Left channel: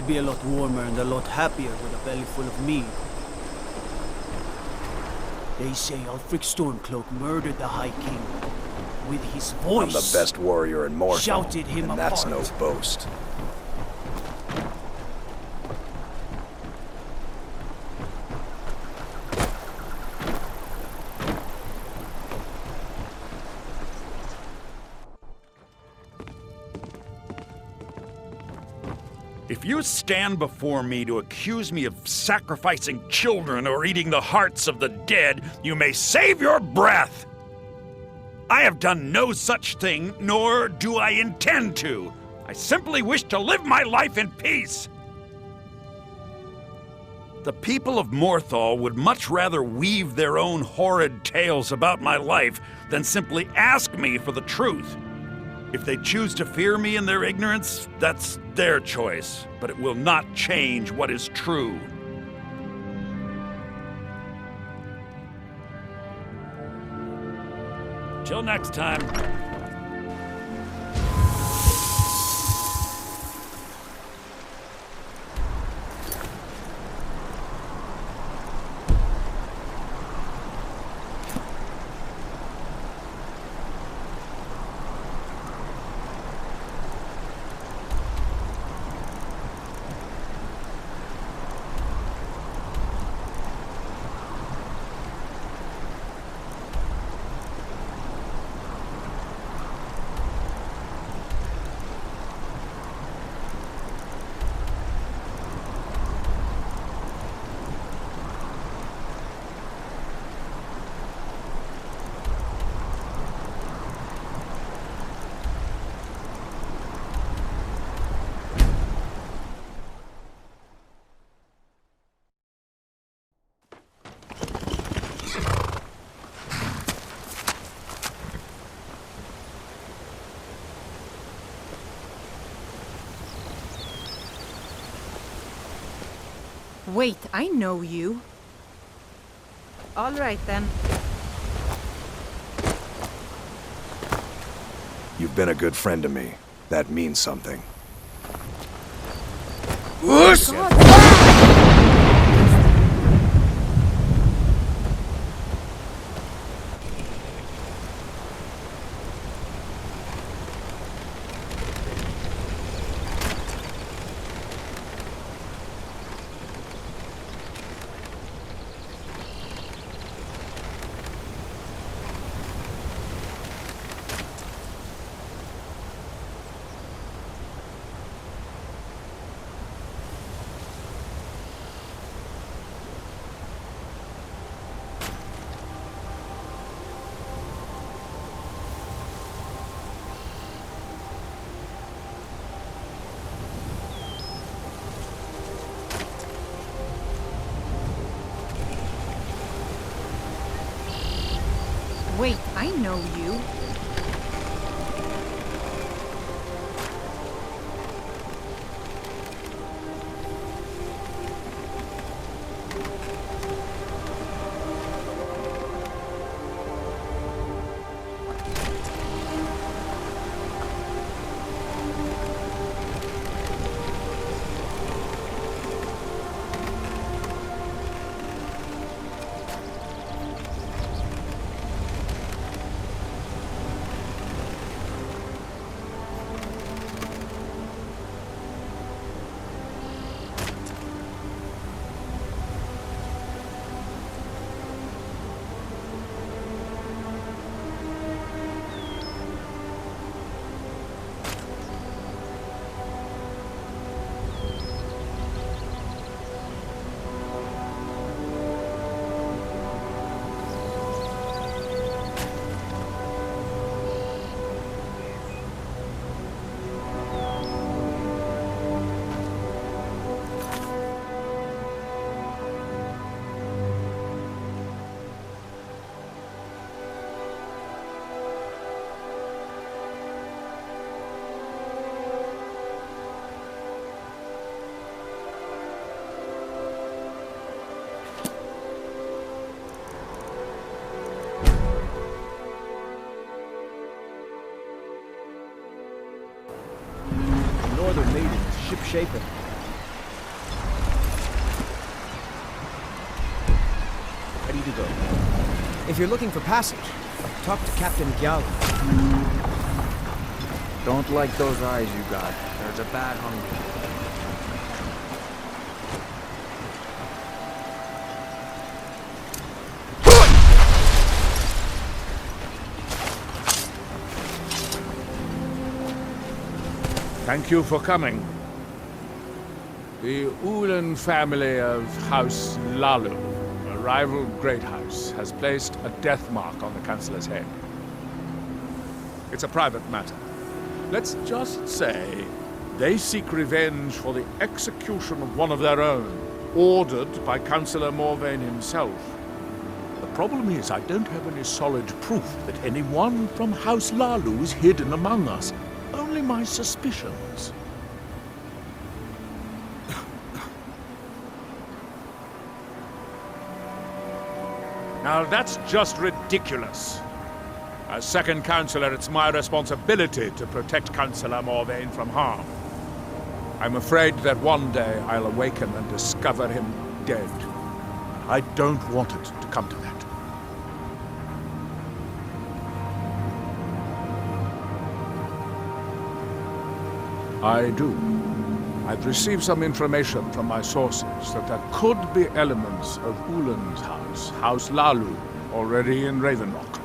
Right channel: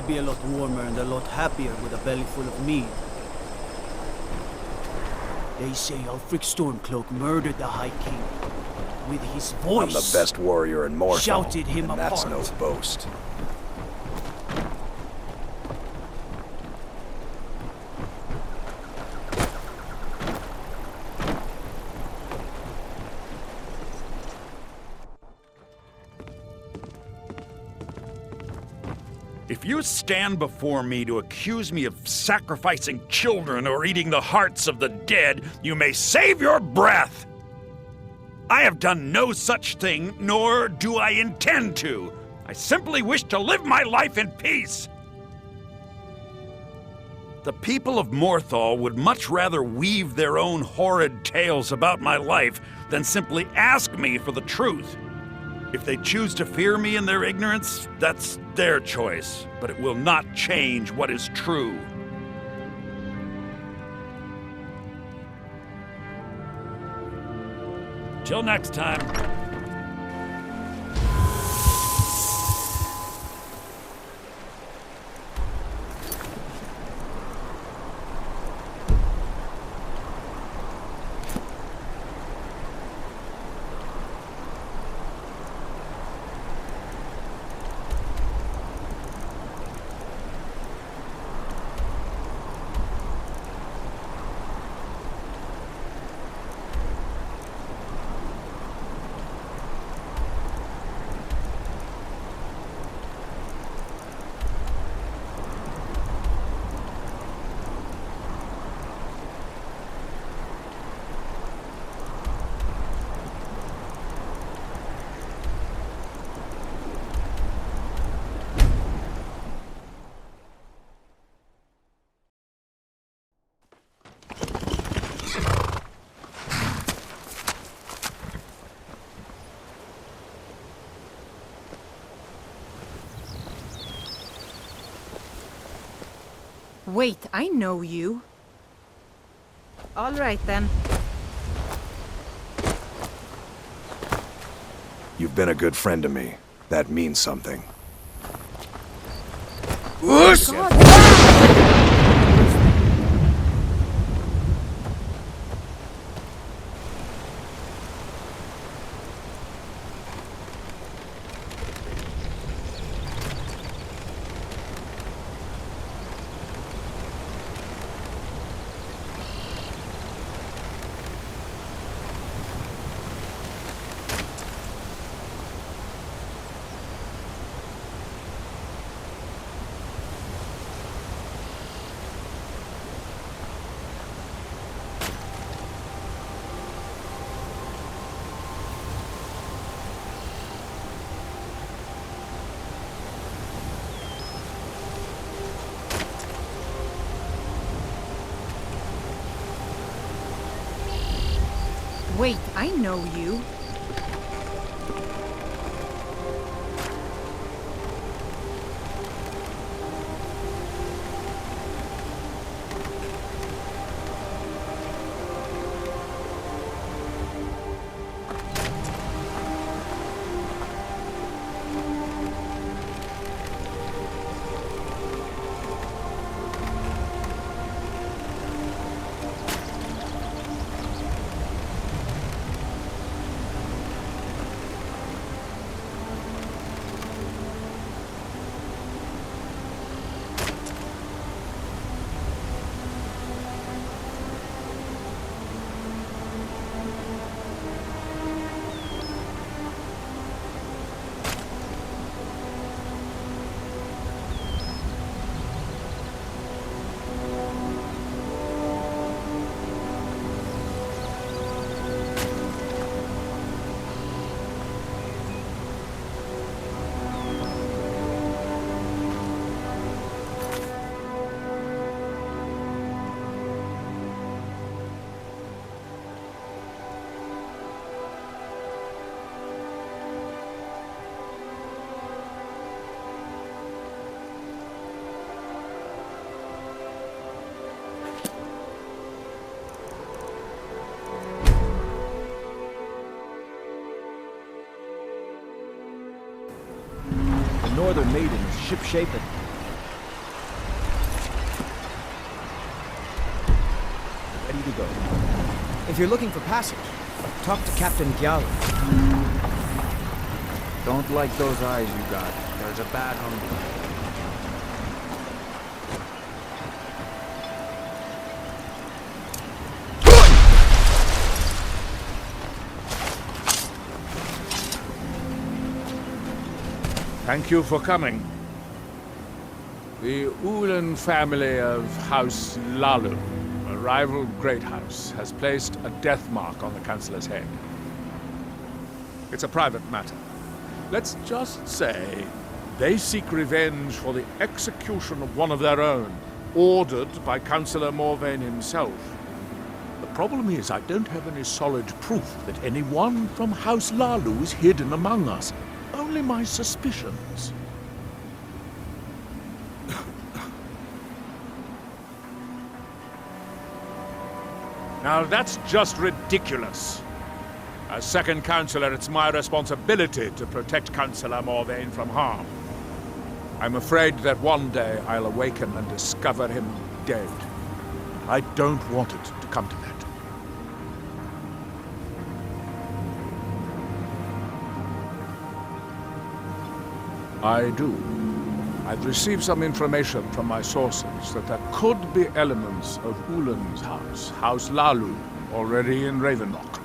I'd be a lot warmer and a lot happier with a belly full of mead. They say Ulfric Stormcloak murdered the High King. With his voice, I'm the best warrior in Morthal, shouted him and that's apart. no boast. If you stand before me to accuse me of sacrificing children or eating the hearts of the dead, you may save your breath! I have done no such thing, nor do I intend to. I simply wish to live my life in peace. The people of Morthal would much rather weave their own horrid tales about my life than simply ask me for the truth. If they choose to fear me in their ignorance, that's their choice, but it will not change what is true. Till next time. Wait, I know you. All right, then. You've been a good friend to me. That means something. Wait, I know you. The Northern Maiden is ship-shapen. go. If you're looking for passage, talk to Captain Gyala. Don't like those eyes you got. There's a bad hunger. Thank you for coming. The Ulan family of House Lalu, a rival great house, has placed a death mark on the Chancellor's head. It's a private matter. Let's just say they seek revenge for the execution of one of their own, ordered by Councillor Morvain himself. The problem is I don't have any solid proof that anyone from House Lalu is hidden among us. Only my suspicions. Now that's just ridiculous. As second Councillor, it's my responsibility to protect Councillor Morvain from harm. I'm afraid that one day I'll awaken and discover him dead. I don't want it to come to that. I do. I've received some information from my sources that there could be elements of Ulan's house, House Lalu, already in Ravenlock.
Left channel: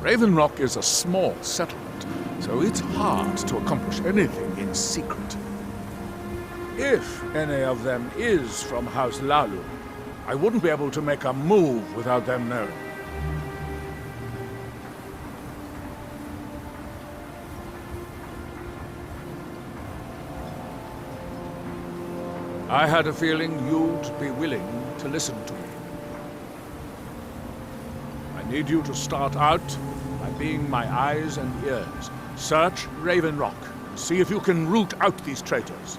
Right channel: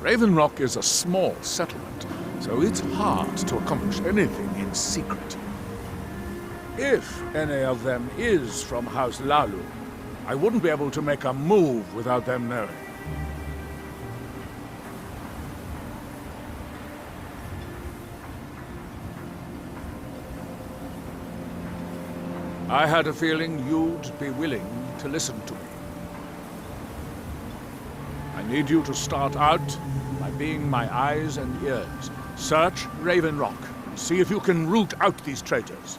Ravenlock is a small settlement, so it's hard to accomplish anything in secret. If any of them is from House Lalu, I wouldn't be able to make a move without them knowing. I had a feeling you'd be willing to listen to me. I need you to start out by being my eyes and ears. Search Ravenlock and see if you can root out these traitors.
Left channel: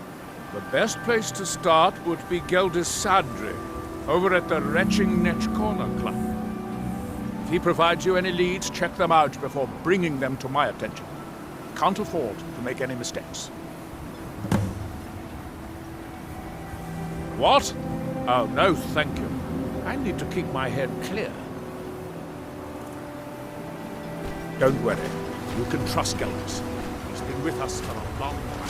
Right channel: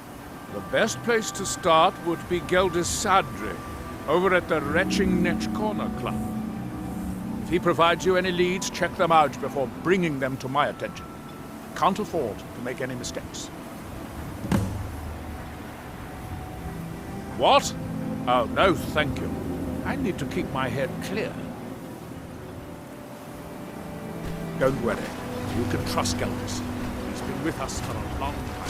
The best place to start would be Geldis Sadri, over at the Retching Netch Corner Club. If he provides you any leads, check them out before bringing them to my attention. Can't afford to make any mistakes. What? Oh, no, thank you. I need to keep my head clear. Don't worry. You can trust Geldis. He's been with us for a long time.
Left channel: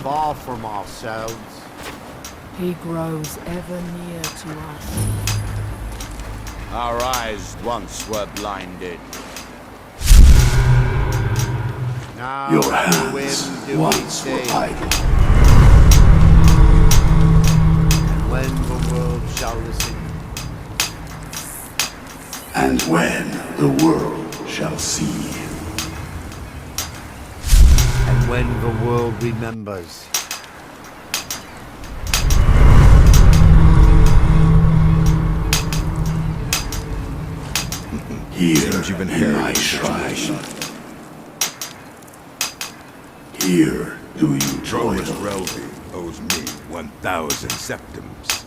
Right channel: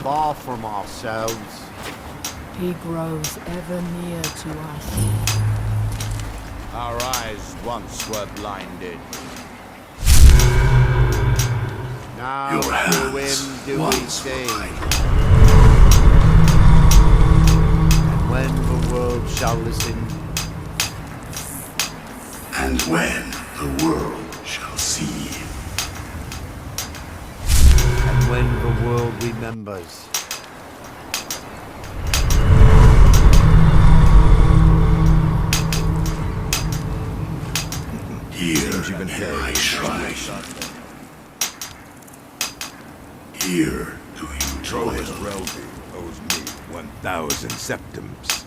Far from ourselves. He grows ever near to us. Our eyes once were blinded. Now Your through hands him do we once were see. idle. And when the world shall listen, And when the world shall see. and when the world remembers, Here Seems you've in inherited my a situation. Here do you Drovus Relby owes me 1,000 septims.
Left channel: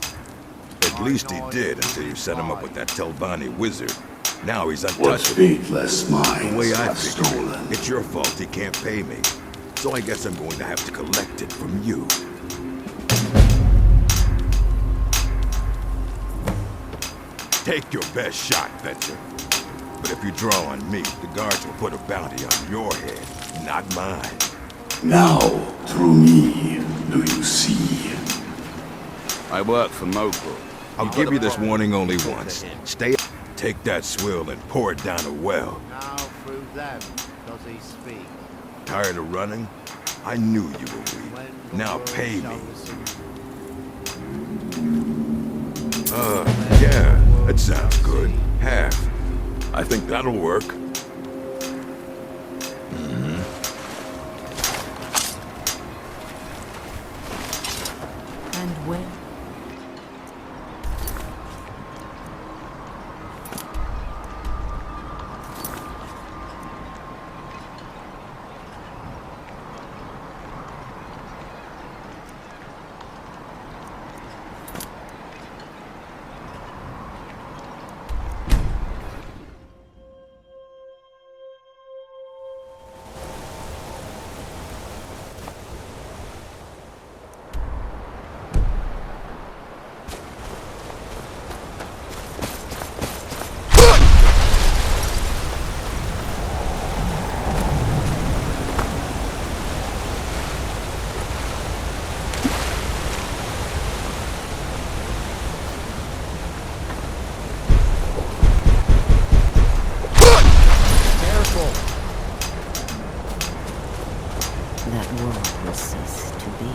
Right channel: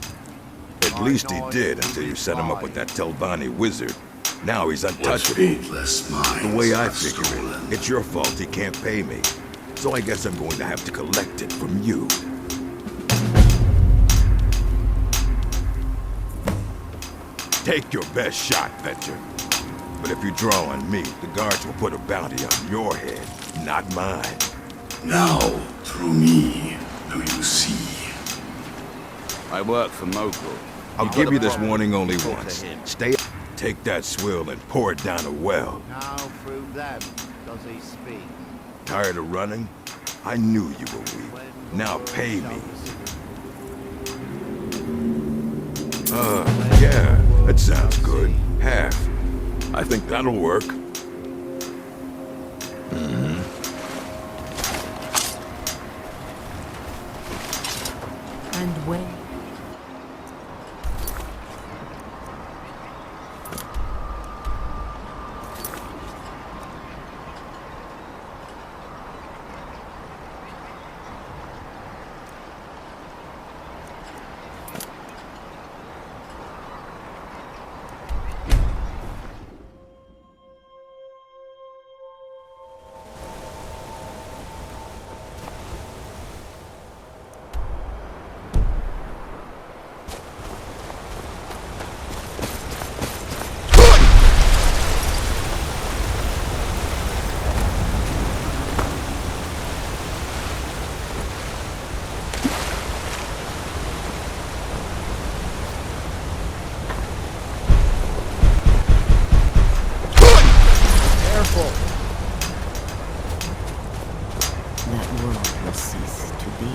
At least he did until you set him up with that Telvanni wizard. Now he's What untouchable. faithless minds The way I have figure it, stolen. it's your fault he can't pay me. So I guess I'm going to have to collect it from you. Take your best shot, Fetcher. But if you draw on me, the guards will put a bounty on your head, not mine. Now, through me, do you see? I work for Mogul. I'll give you this warning only Talk to once. him. Stay. Take that swill and pour it down a well. Now through them does he speak. Tired of running? I knew you were weak. When the Now world pay shall me. listen, Yeah, that sounds good. Half. I think that'll work. And when? cease to be.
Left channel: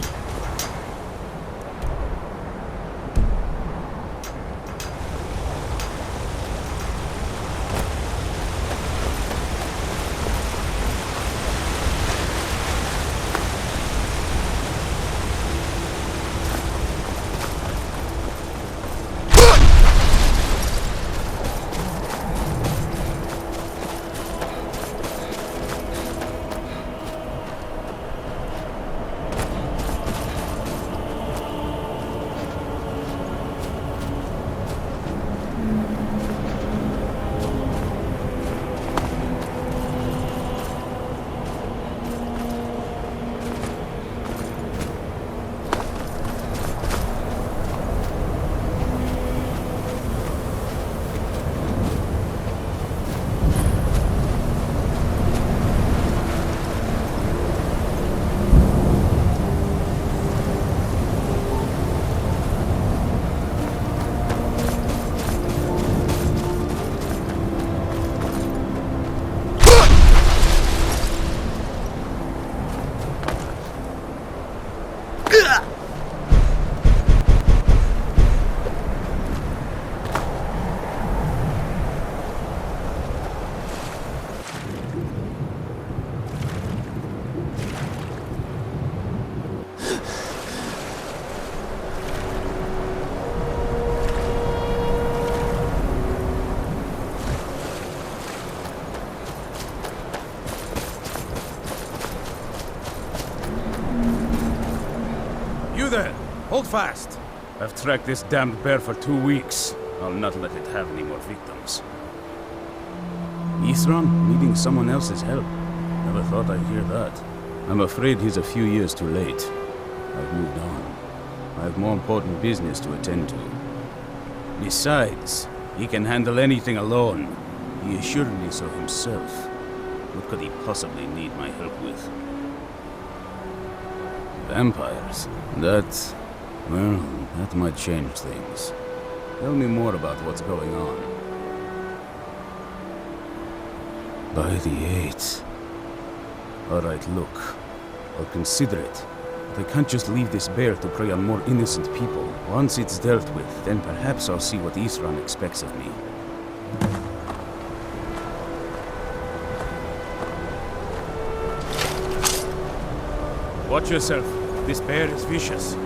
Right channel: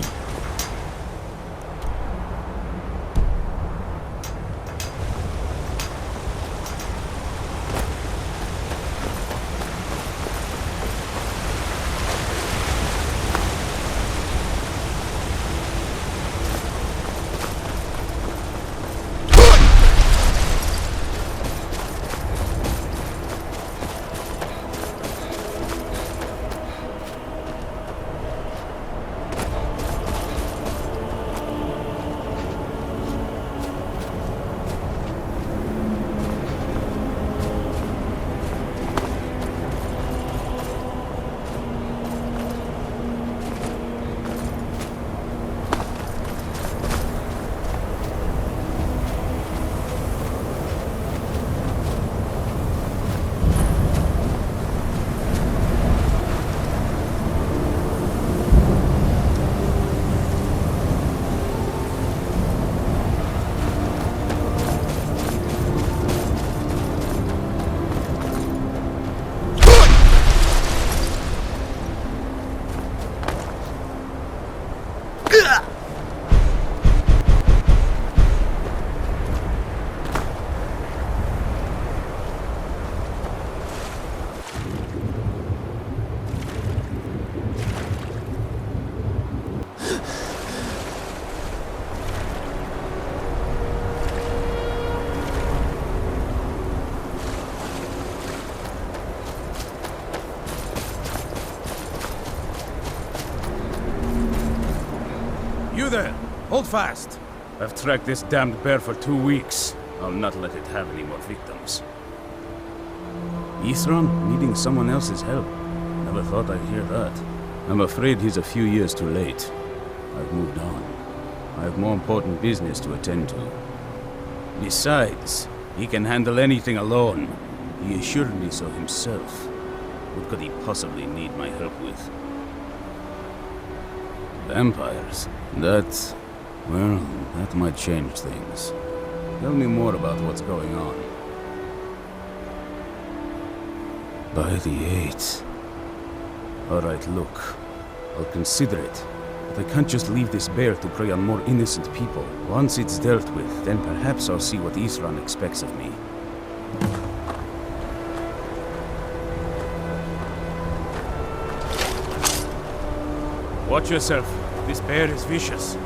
You there! Hold fast! I've tracked this damned bear for 2 weeks. I'll not let it have any more victims. Isran needing someone else's help. Never thought I'd hear that. I'm afraid he's a few years too late. I've moved on. I have more important business to attend to. Besides, he can handle anything alone. He assured me so himself. What could he possibly need my help with? Vampires? Well, that might change things. Tell me more about what's going on. By the 8th. Alright, look. I'll consider it. But I can't just leave this bear to prey on more innocent people. Once it's dealt with, then perhaps I'll see what Isran expects of me. Watch yourself. This bear is vicious.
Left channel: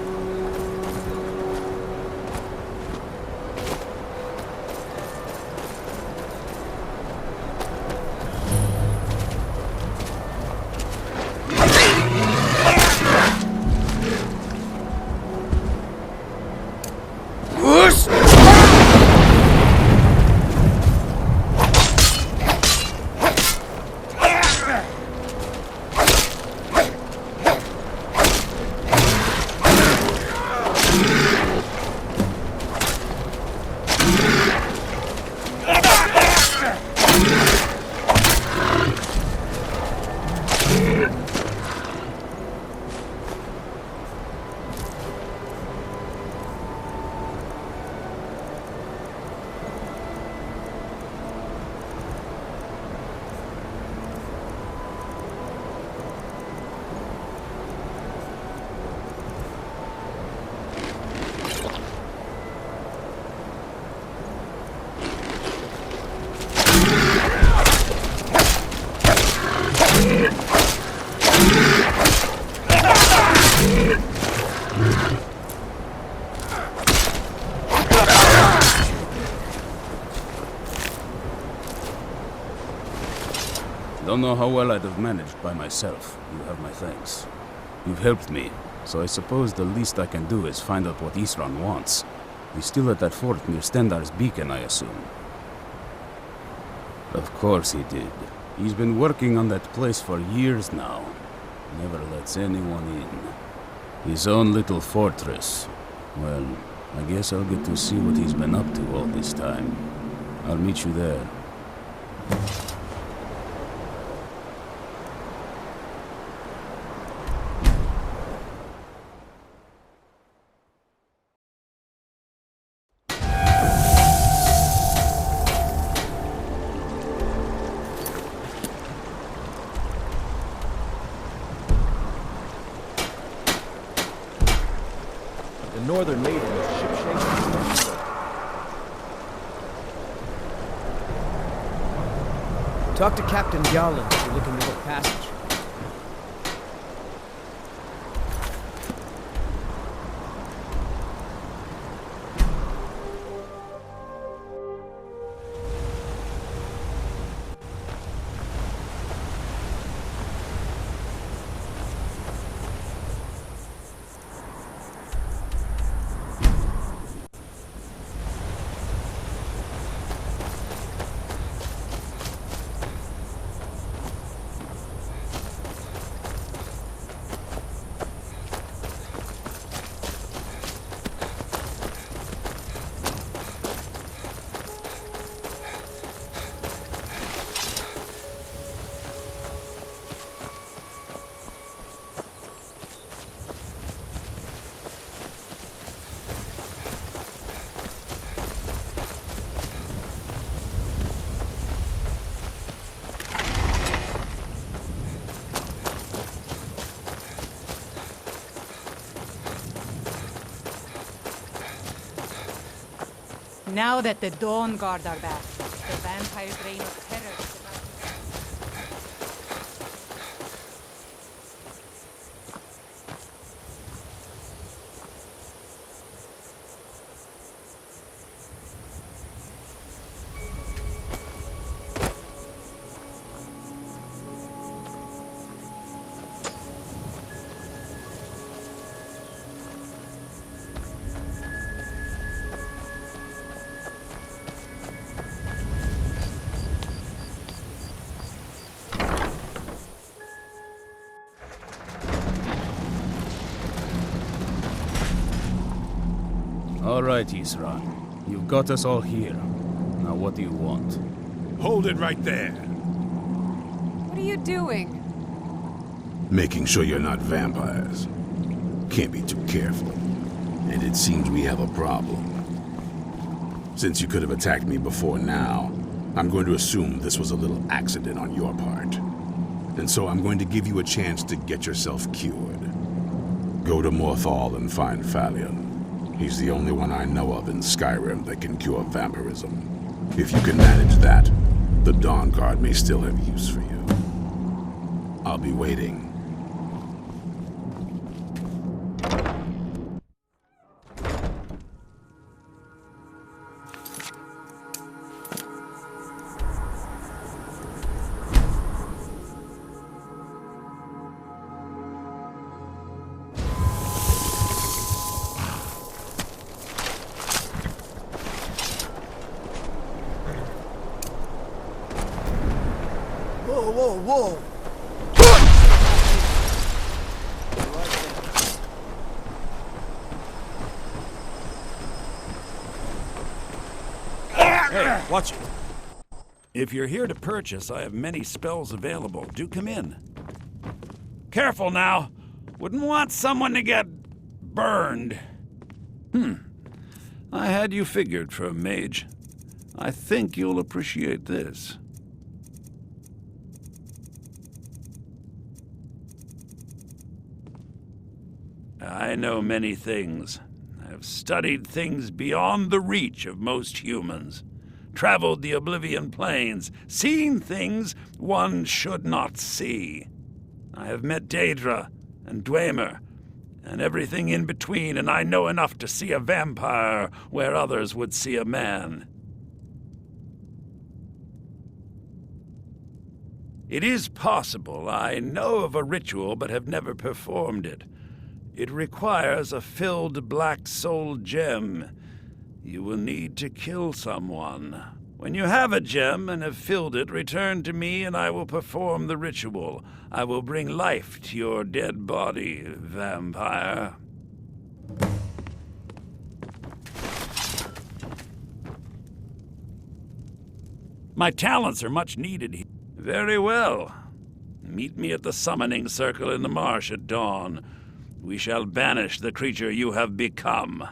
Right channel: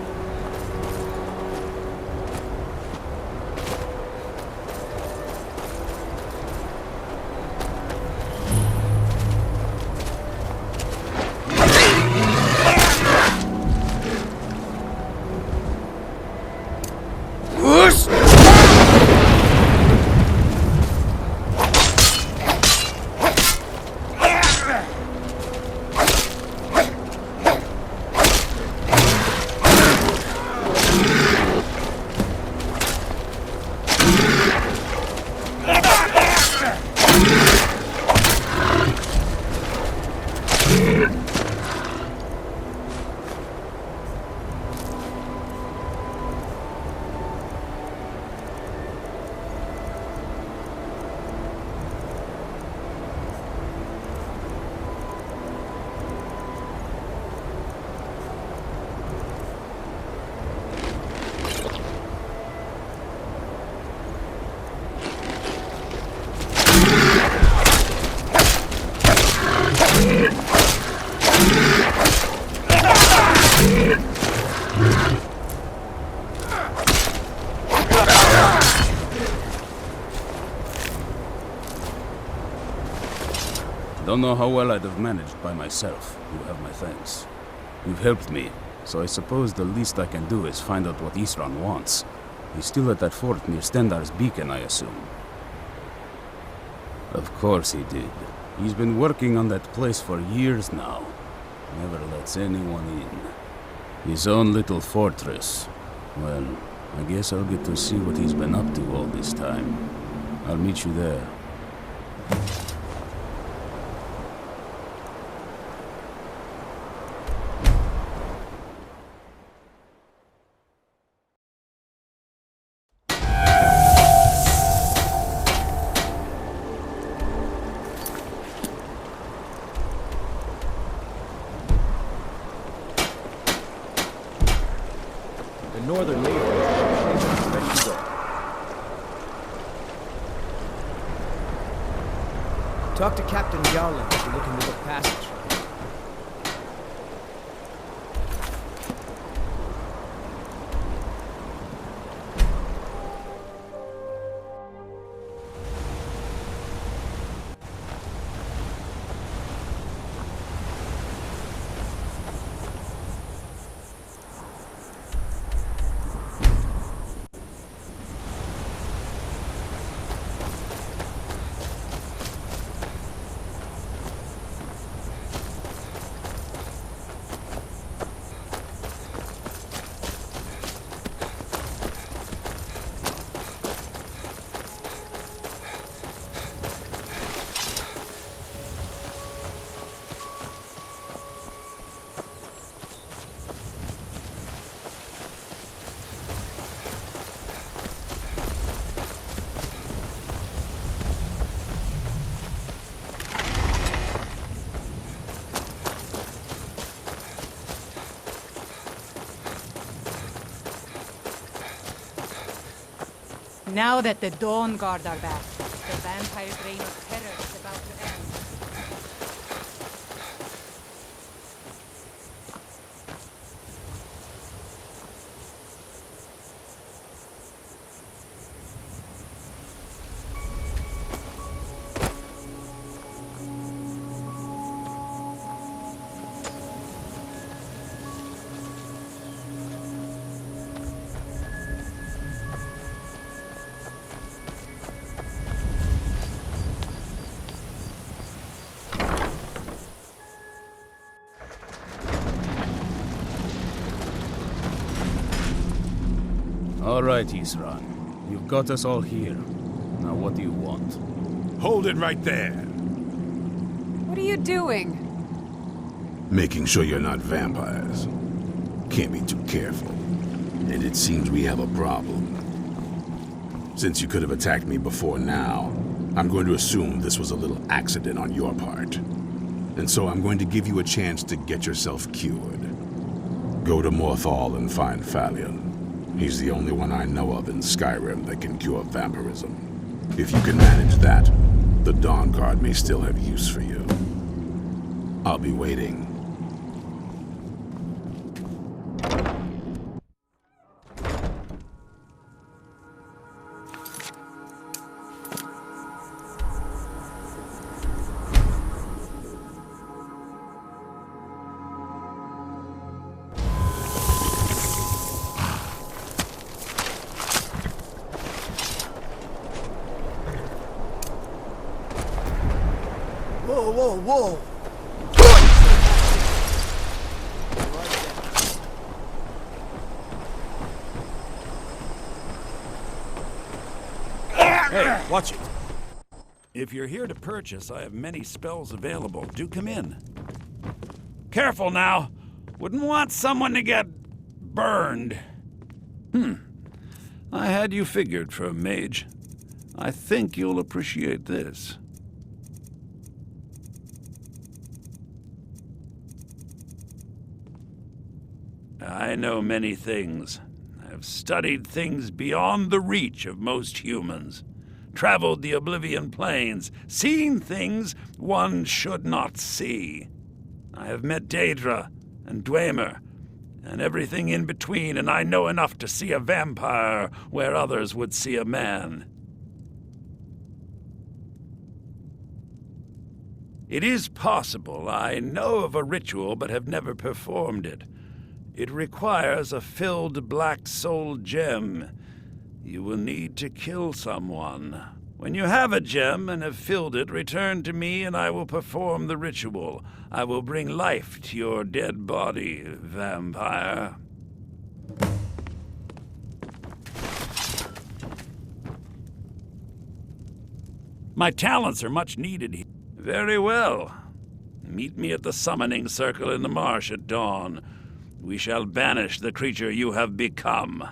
Don't know how well I'd have managed by myself. You have my thanks. You've helped me, so I suppose the least I can do is find out what Isran wants. He's still at that fort near Stendar's beacon, I assume. Of course he did. He's been working on that place for years now. Never lets anyone in. His own little fortress. Well, I guess I'll get to see what he's been up to all this time. I'll meet you there. northern maiden is shipshape and ready to go. Talk to Captain Garland if you're looking to book passage. Now that the Dawn Guard are back, the vampire's reign of terror is about to end. All right, Isran. You've got us all here. Now what do you want? Hold it right there. What are you doing? Making sure you're not vampires. Can't be too careful. And it seems we have a problem. Since you could have attacked me before now, I'm going to assume this was a little accident on your part. And so I'm going to give you a chance to get yourself cured. Go to Moth and find Phalion. He's the only one I know of in Skyrim that can cure vampirism. If you can manage that, the Dawn Guard may still have use for you. I'll be waiting. Whoa, whoa, whoa! Hey, watch it. If you're here to purchase, I have many spells available. Do come in. Careful now. Wouldn't want someone to get burned. I had you figured for a mage. I think you'll appreciate this. I know many things. I have studied things beyond the reach of most humans. Traveled the Oblivion Plains, seen things one should not see. I have met Daedra and Dwemer, and everything in between, and I know enough to see a vampire where others would see a man. It is possible I know of a ritual but have never performed it. It requires a filled black soul gem. You will need to kill someone. When you have a gem and have filled it, return to me and I will perform the ritual. I will bring life to your dead body, vampire. My talents are much needed here. Very well. Meet me at the summoning circle in the marsh at dawn. We shall banish the creature you have become.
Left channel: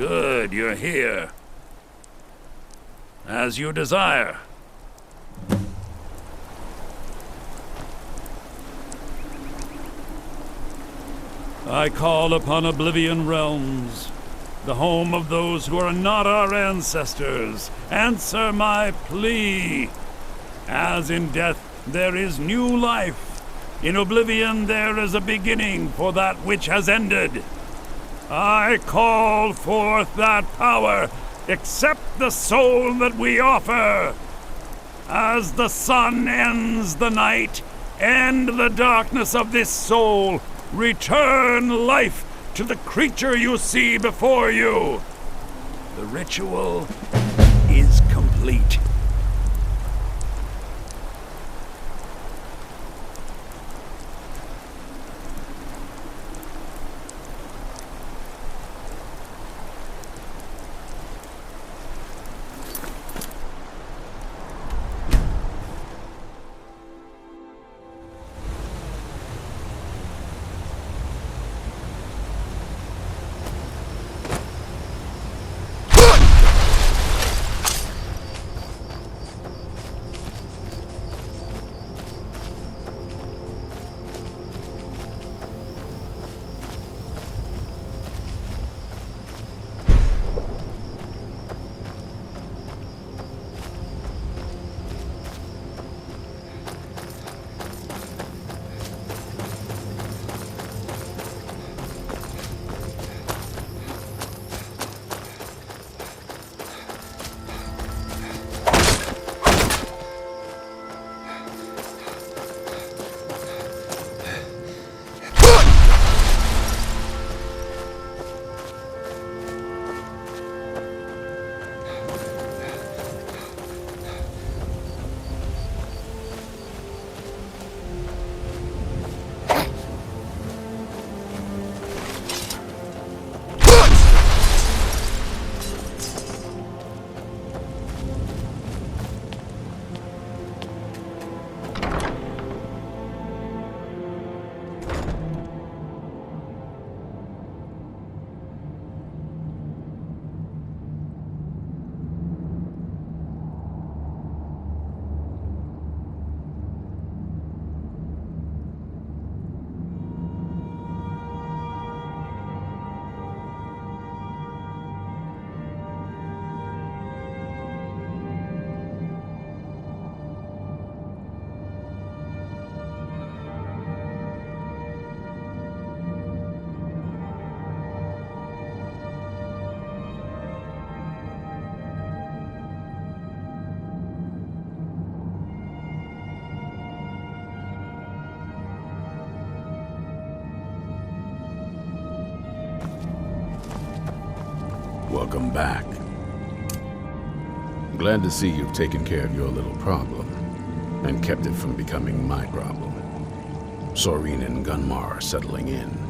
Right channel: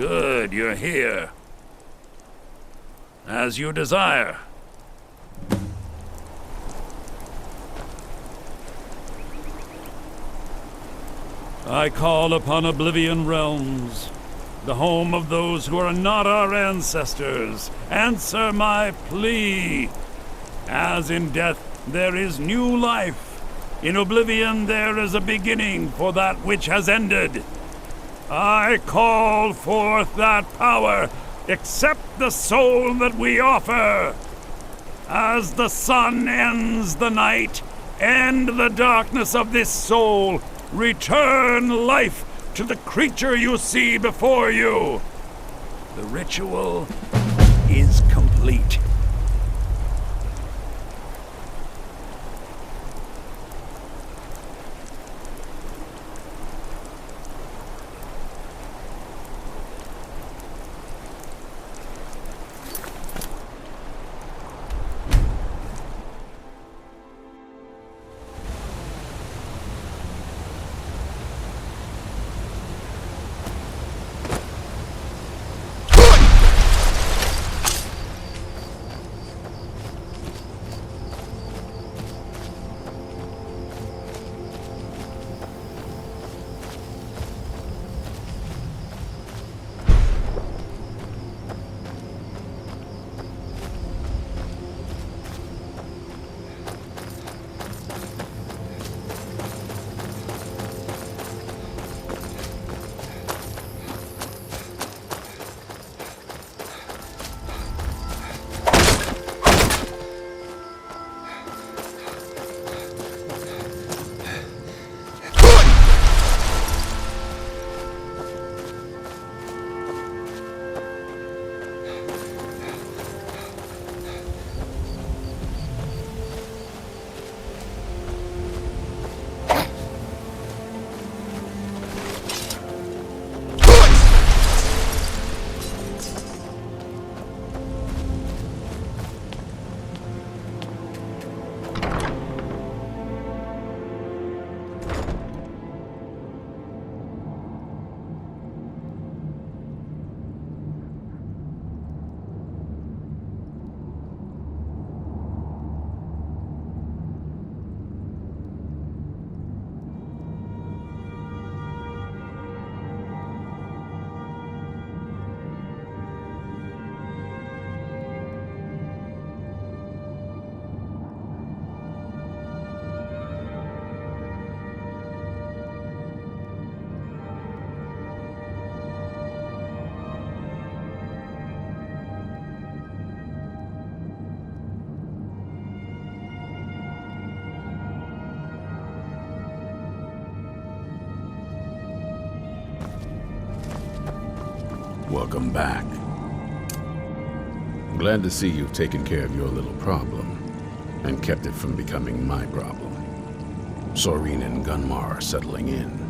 Good, you're here. As you desire. I call upon Oblivion Realms, the home of those who are not our ancestors. Answer my plea. As in death there is new life, in Oblivion there is a beginning for that which has ended. I call forth that power. Accept the soul that we offer. As the sun ends the night, end the darkness of this soul. Return life to the creature you see before you. The ritual is complete. Welcome back. Glad to see you've taken care of your little problem and kept it from becoming my problem. Soreen and Gunmar are settling in.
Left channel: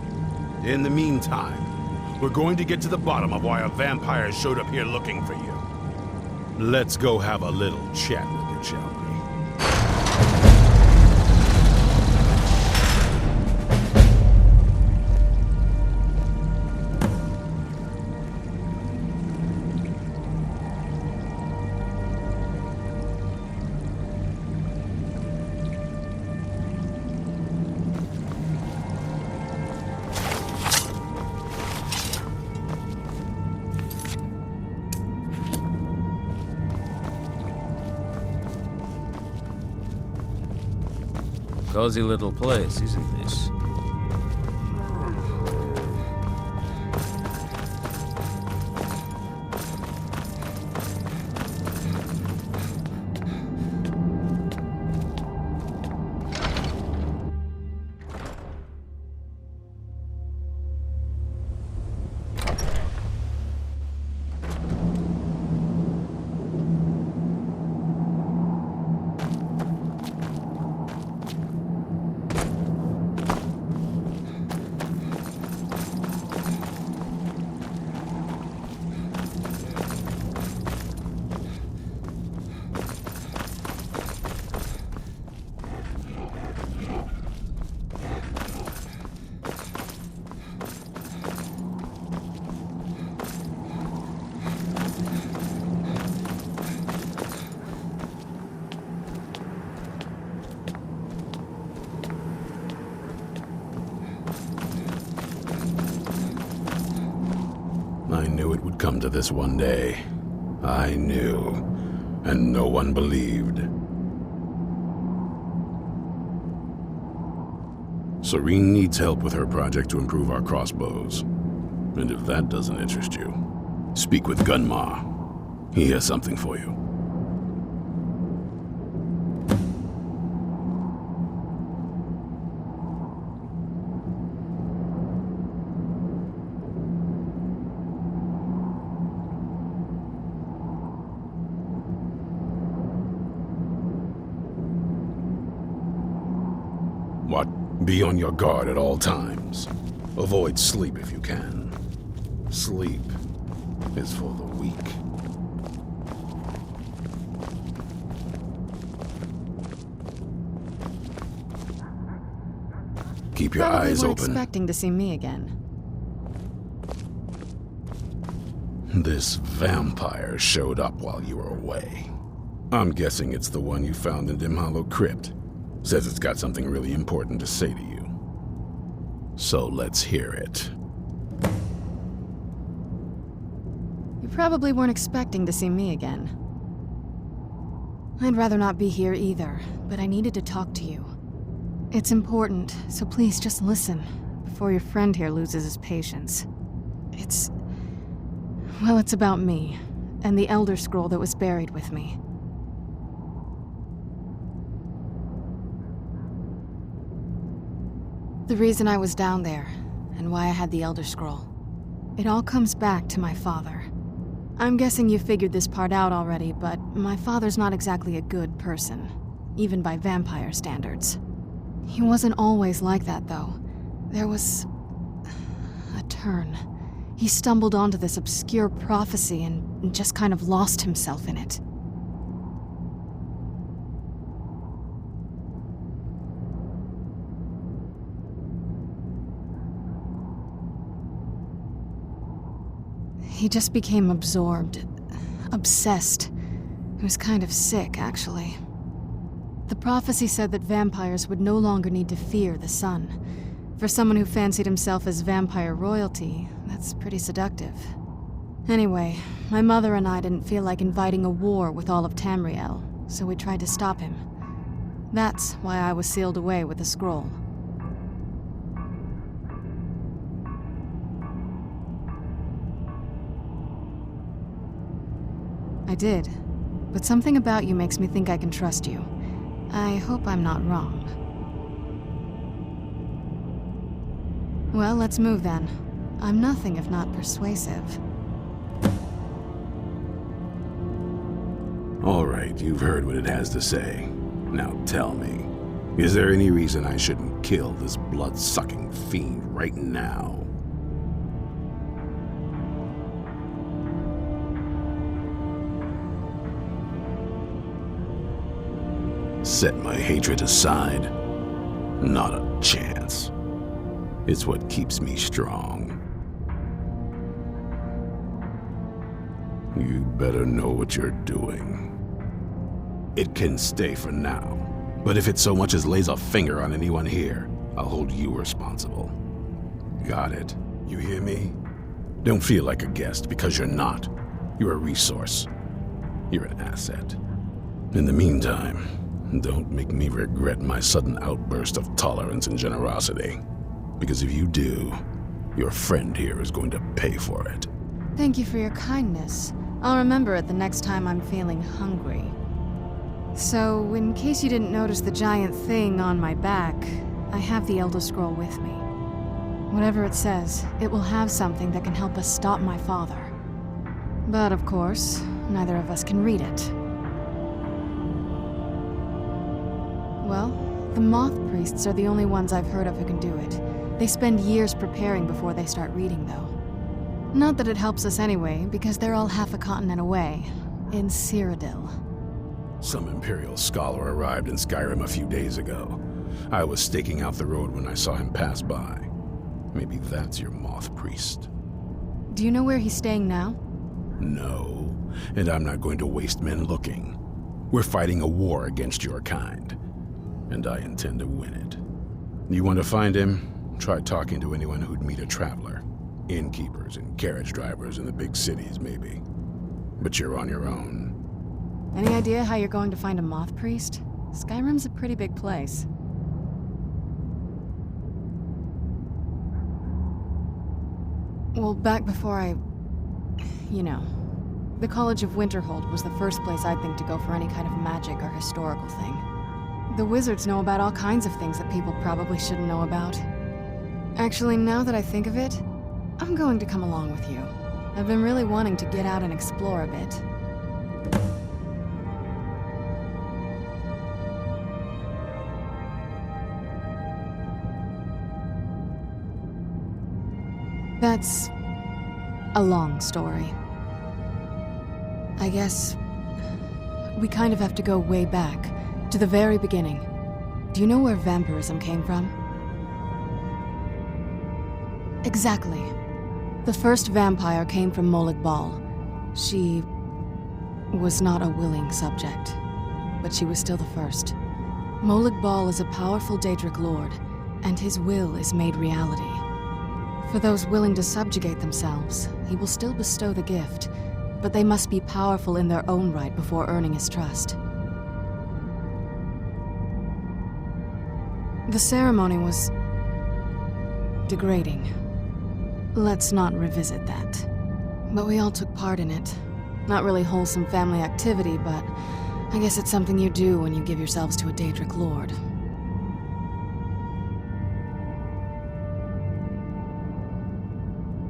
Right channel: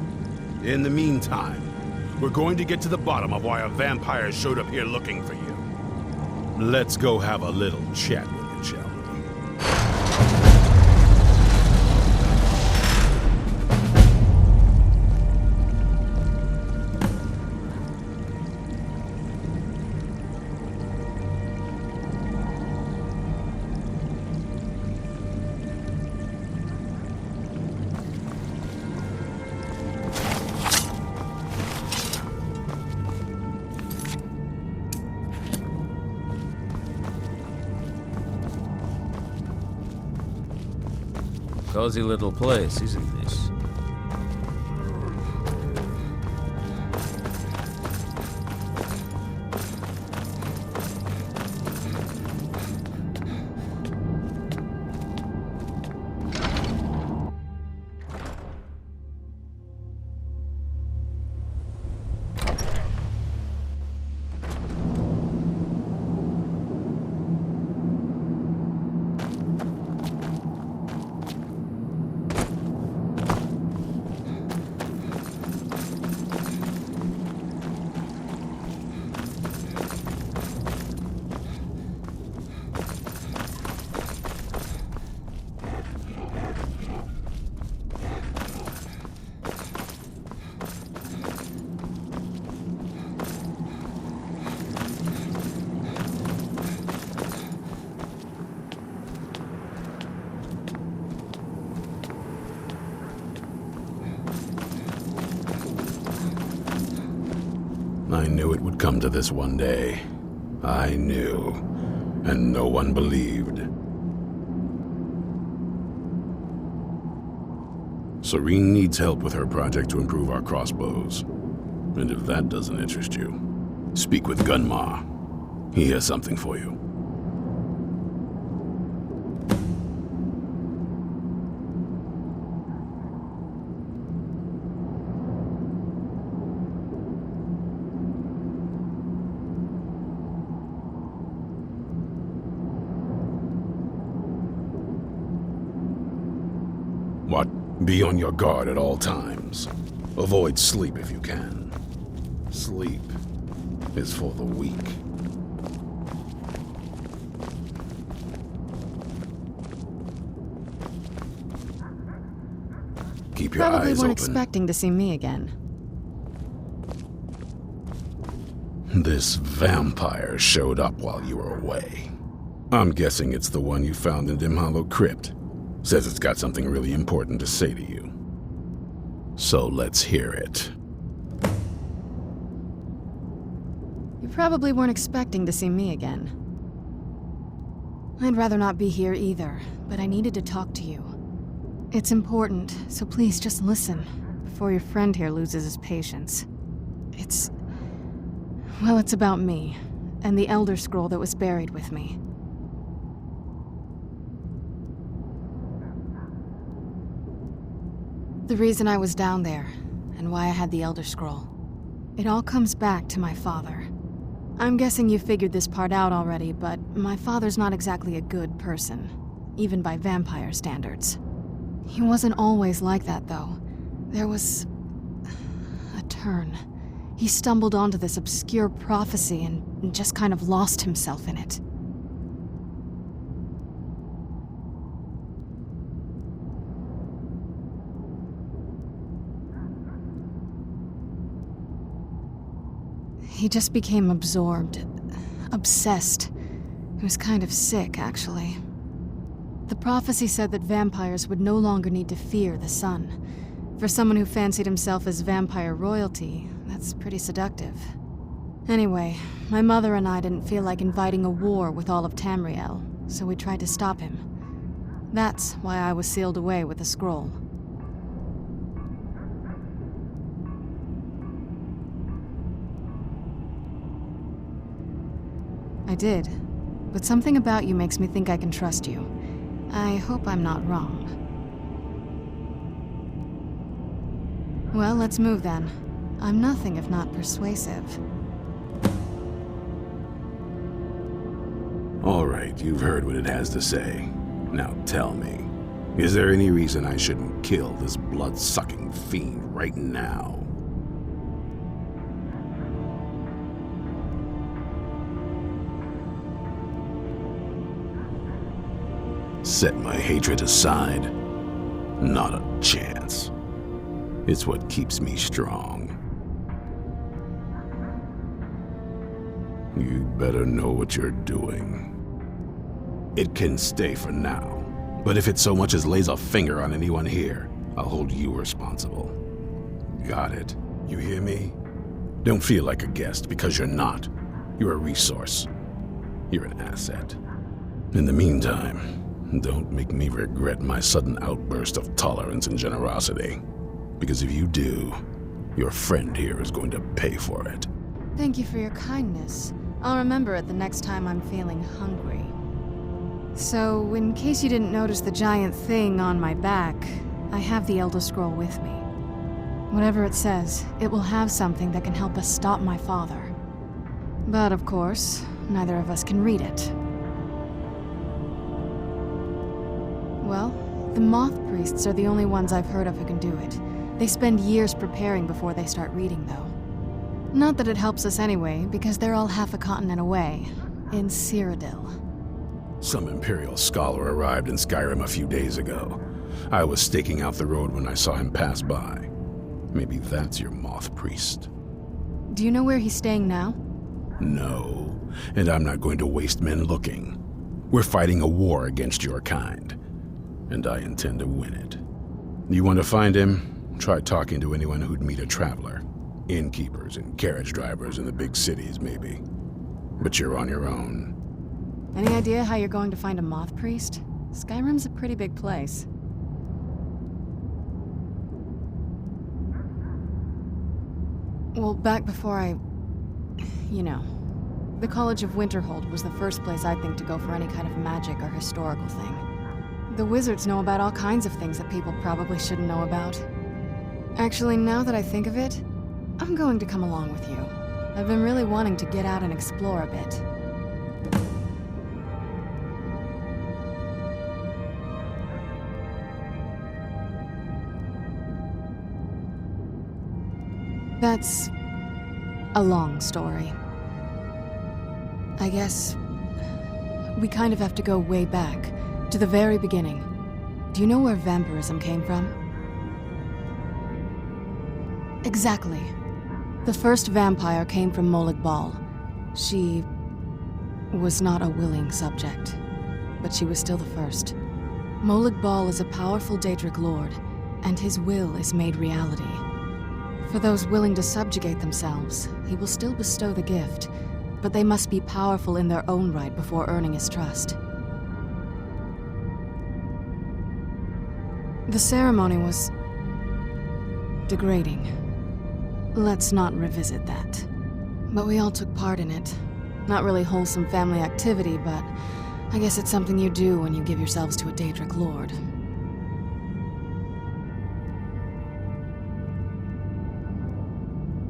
In the meantime, we're going to get to the bottom of why a vampire showed up here looking for you. Let's go have a little chat with it, shall we? Cozy little place, isn't this? I knew it would come to this one day. I knew, and no one believed. Serene needs help with her project to improve our crossbows. And if that doesn't interest you, speak with Gunmar. He has something for you. What? Be on your guard at all times. Avoid sleep if you can. Sleep is for the weak. Keep your Probably eyes weren't open. expecting to see me again. This vampire showed up while you were away. I'm guessing it's the one you found in Dim Hollow Crypt. Says it's got something really important to say to you. So let's hear it. You probably weren't expecting to see me again. I'd rather not be here either, but I needed to talk to you. It's important, so please just listen, before your friend here loses his patience. Well, it's about me, and the Elder Scroll that was buried with me. The reason I was down there, and why I had the Elder Scroll. It all comes back to my father. I'm guessing you figured this part out already, but my father's not exactly a good person, even by vampire standards. He wasn't always like that, though. There was a turn. He stumbled onto this obscure prophecy and just kind of lost himself in it. He just became absorbed, obsessed. He was kind of sick, actually. The prophecy said that vampires would no longer need to fear the sun. For someone who fancied himself as vampire royalty, that's pretty seductive. Anyway, my mother and I didn't feel like inviting a war with all of Tamriel, so we tried to stop him. That's why I was sealed away with the scroll. I did, but something about you makes me think I can trust you. I hope I'm not wrong. Well, let's move then. I'm nothing if not persuasive. All right, you've heard what it has to say. Now tell me, is there any reason I shouldn't kill this blood-sucking fiend right now? Set my hatred aside? Not a chance. It's what keeps me strong. You'd better know what you're doing. It can stay for now, but if it so much as lays a finger on anyone here, I'll hold you responsible. Got it? You hear me? Don't feel like a guest, because you're not. You're a resource. You're an asset. In the meantime, don't make me regret my sudden outburst of tolerance and generosity. Because if you do, your friend here is going to pay for it. Thank you for your kindness. I'll remember it the next time I'm feeling hungry. So, in case you didn't notice the giant thing on my back, I have the Elder Scroll with me. Whatever it says, it will have something that can help us stop my father. But of course, neither of us can read it. Well, the moth priests are the only ones I've heard of who can do it. They spend years preparing before they start reading, though. Not that it helps us anyway, because they're all half a continent away, in Cyrodiil. Some Imperial scholar arrived in Skyrim a few days ago. I was staking out the road when I saw him pass by. Maybe that's your moth priest. Do you know where he's staying now? No, and I'm not going to waste men looking. We're fighting a war against your kind, and I intend to win it. You want to find him? Try talking to anyone who'd meet a traveler. Innkeepers and carriage drivers in the big cities, maybe. But you're on your own. Any idea how you're going to find a moth priest? Skyrim's a pretty big place. Well, back before you know, the College of Winterhold was the first place I'd think to go for any kind of magic or historical thing. The wizards know about all kinds of things that people probably shouldn't know about. Actually, now that I think of it, I'm going to come along with you. I've been really wanting to get out and explore a bit. That's a long story. I guess we kind of have to go way back, to the very beginning. Do you know where vampirism came from? Exactly. The first vampire came from Molag Bal. She was not a willing subject, but she was still the first. Molag Bal is a powerful Daedric lord, and his will is made reality. For those willing to subjugate themselves, he will still bestow the gift, but they must be powerful in their own right before earning his trust. The ceremony was degrading. Let's not revisit that. But we all took part in it. Not really wholesome family activity, but I guess it's something you do when you give yourselves to a Daedric lord.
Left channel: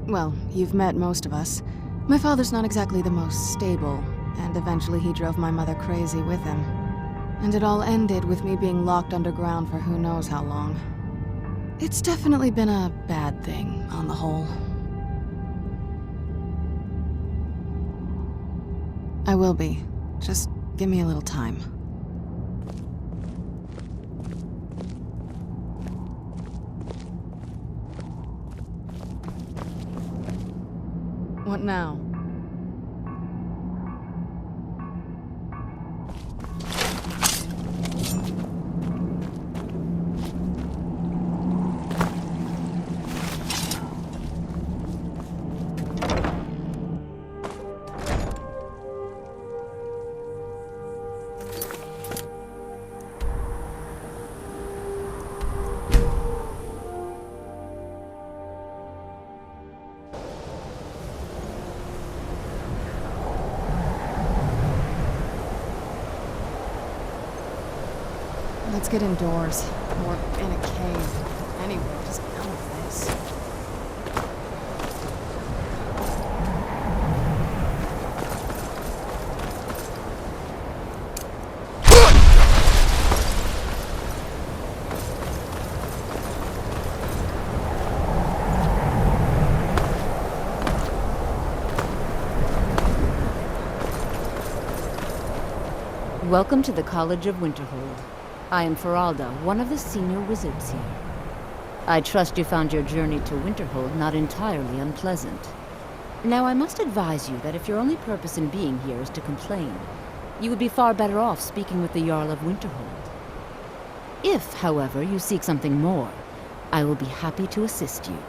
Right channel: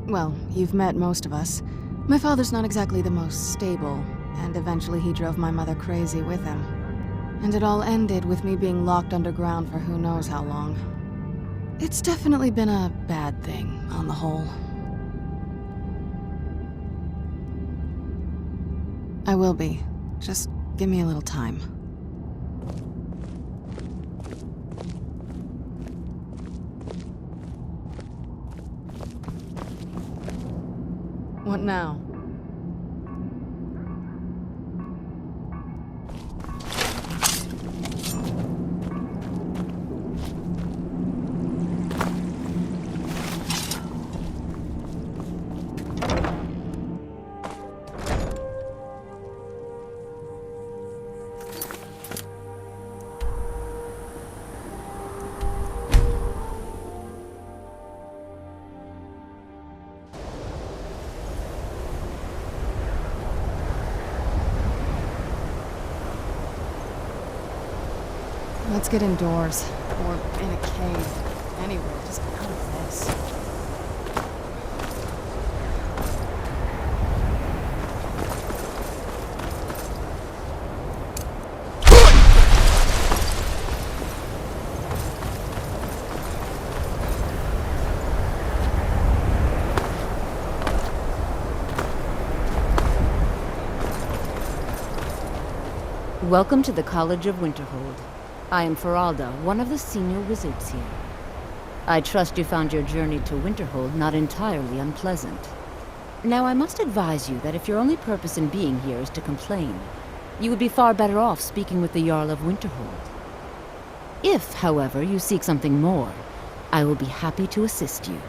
Well, you've met most of us. My father's not exactly the most stable, and eventually he drove my mother crazy with him. And it all ended with me being locked underground for who knows how long. It's definitely been a bad thing, on the whole. I will be. Just give me a little time. What now? Let's get indoors, or in a cave. Anywhere, just out of this. Welcome to the College of Winterhold. I am Feralda, one of the senior wizards here. I trust you found your journey to Winterhold not entirely unpleasant. Now, I must advise you that if your only purpose in being here is to complain, you would be far better off speaking with the Jarl of Winterhold. If, however, you seek something more, I will be happy to assist you.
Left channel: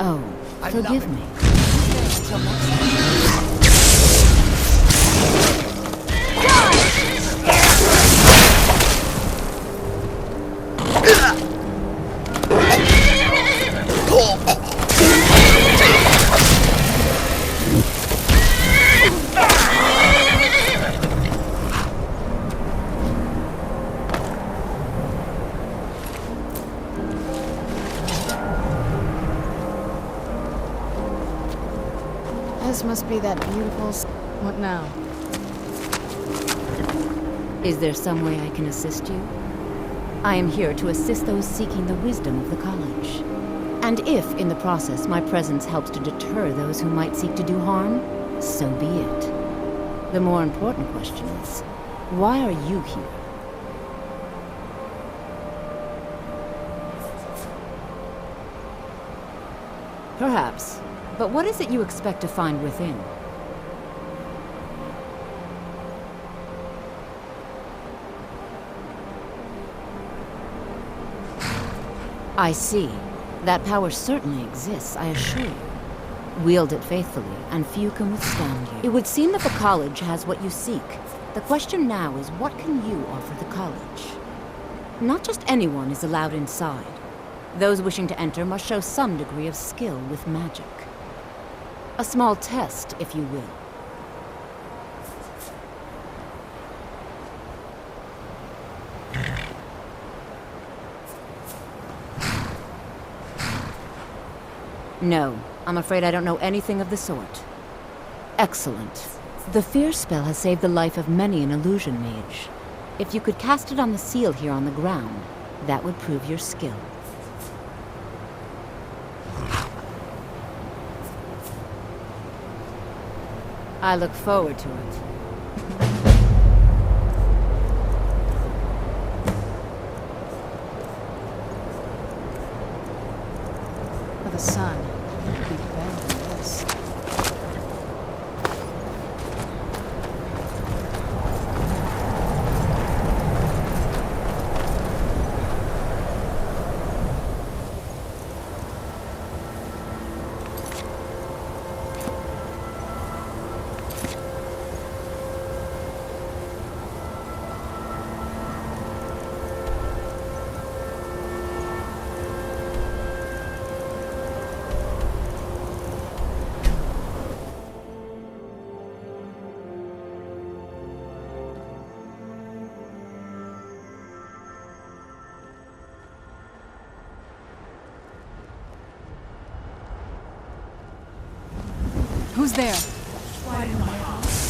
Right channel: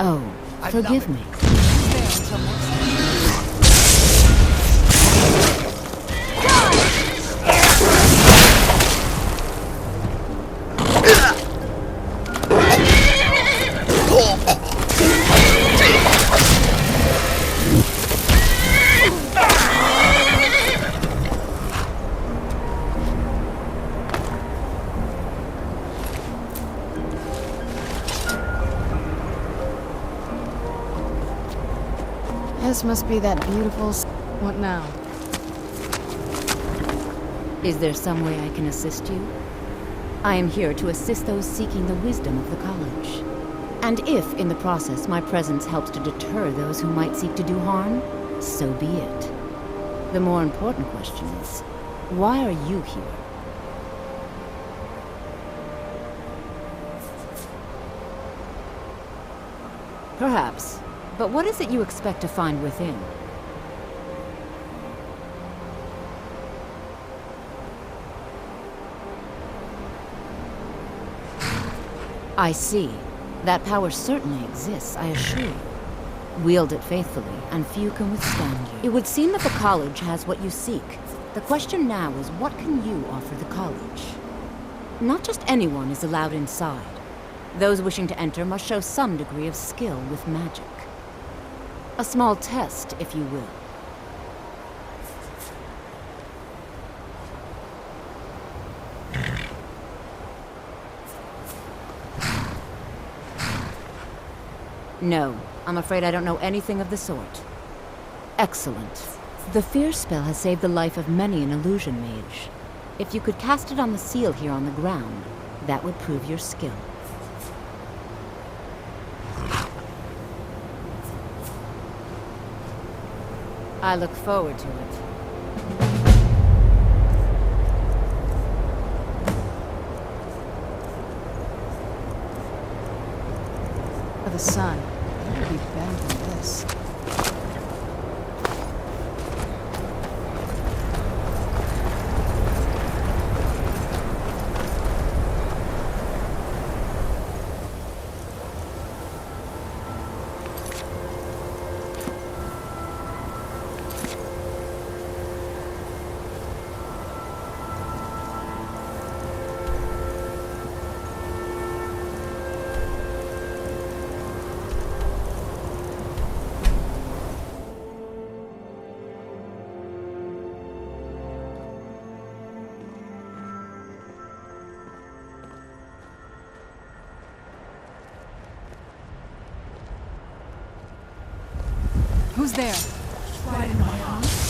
Oh, forgive me. This must be that beautiful What now? Is there some way I can assist you? I am here to assist those seeking the wisdom of the college. And if, in the process, my presence helps to deter those who might seek to do harm, so be it. The more important question is, why are you here? Perhaps. But what is it you expect to find within? I see. That power certainly exists, I assure you. Wield it faithfully, and few can withstand you. It would seem that the college has what you seek. The question now is, what can you offer the college? Not just anyone is allowed inside. Those wishing to enter must show some degree of skill with magic. A small test, if you will. No, I'm afraid I don't know anything of the sort. Excellent. The fear spell has saved the life of many an illusion mage. If you could cast it on the seal here on the ground, that would prove your skill. I look forward to it. For the sun, it would be better than this. Who's there? Why in my house?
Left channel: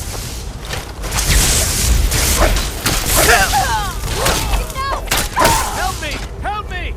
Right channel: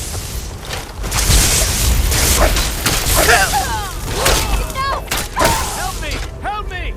Help me! Help me!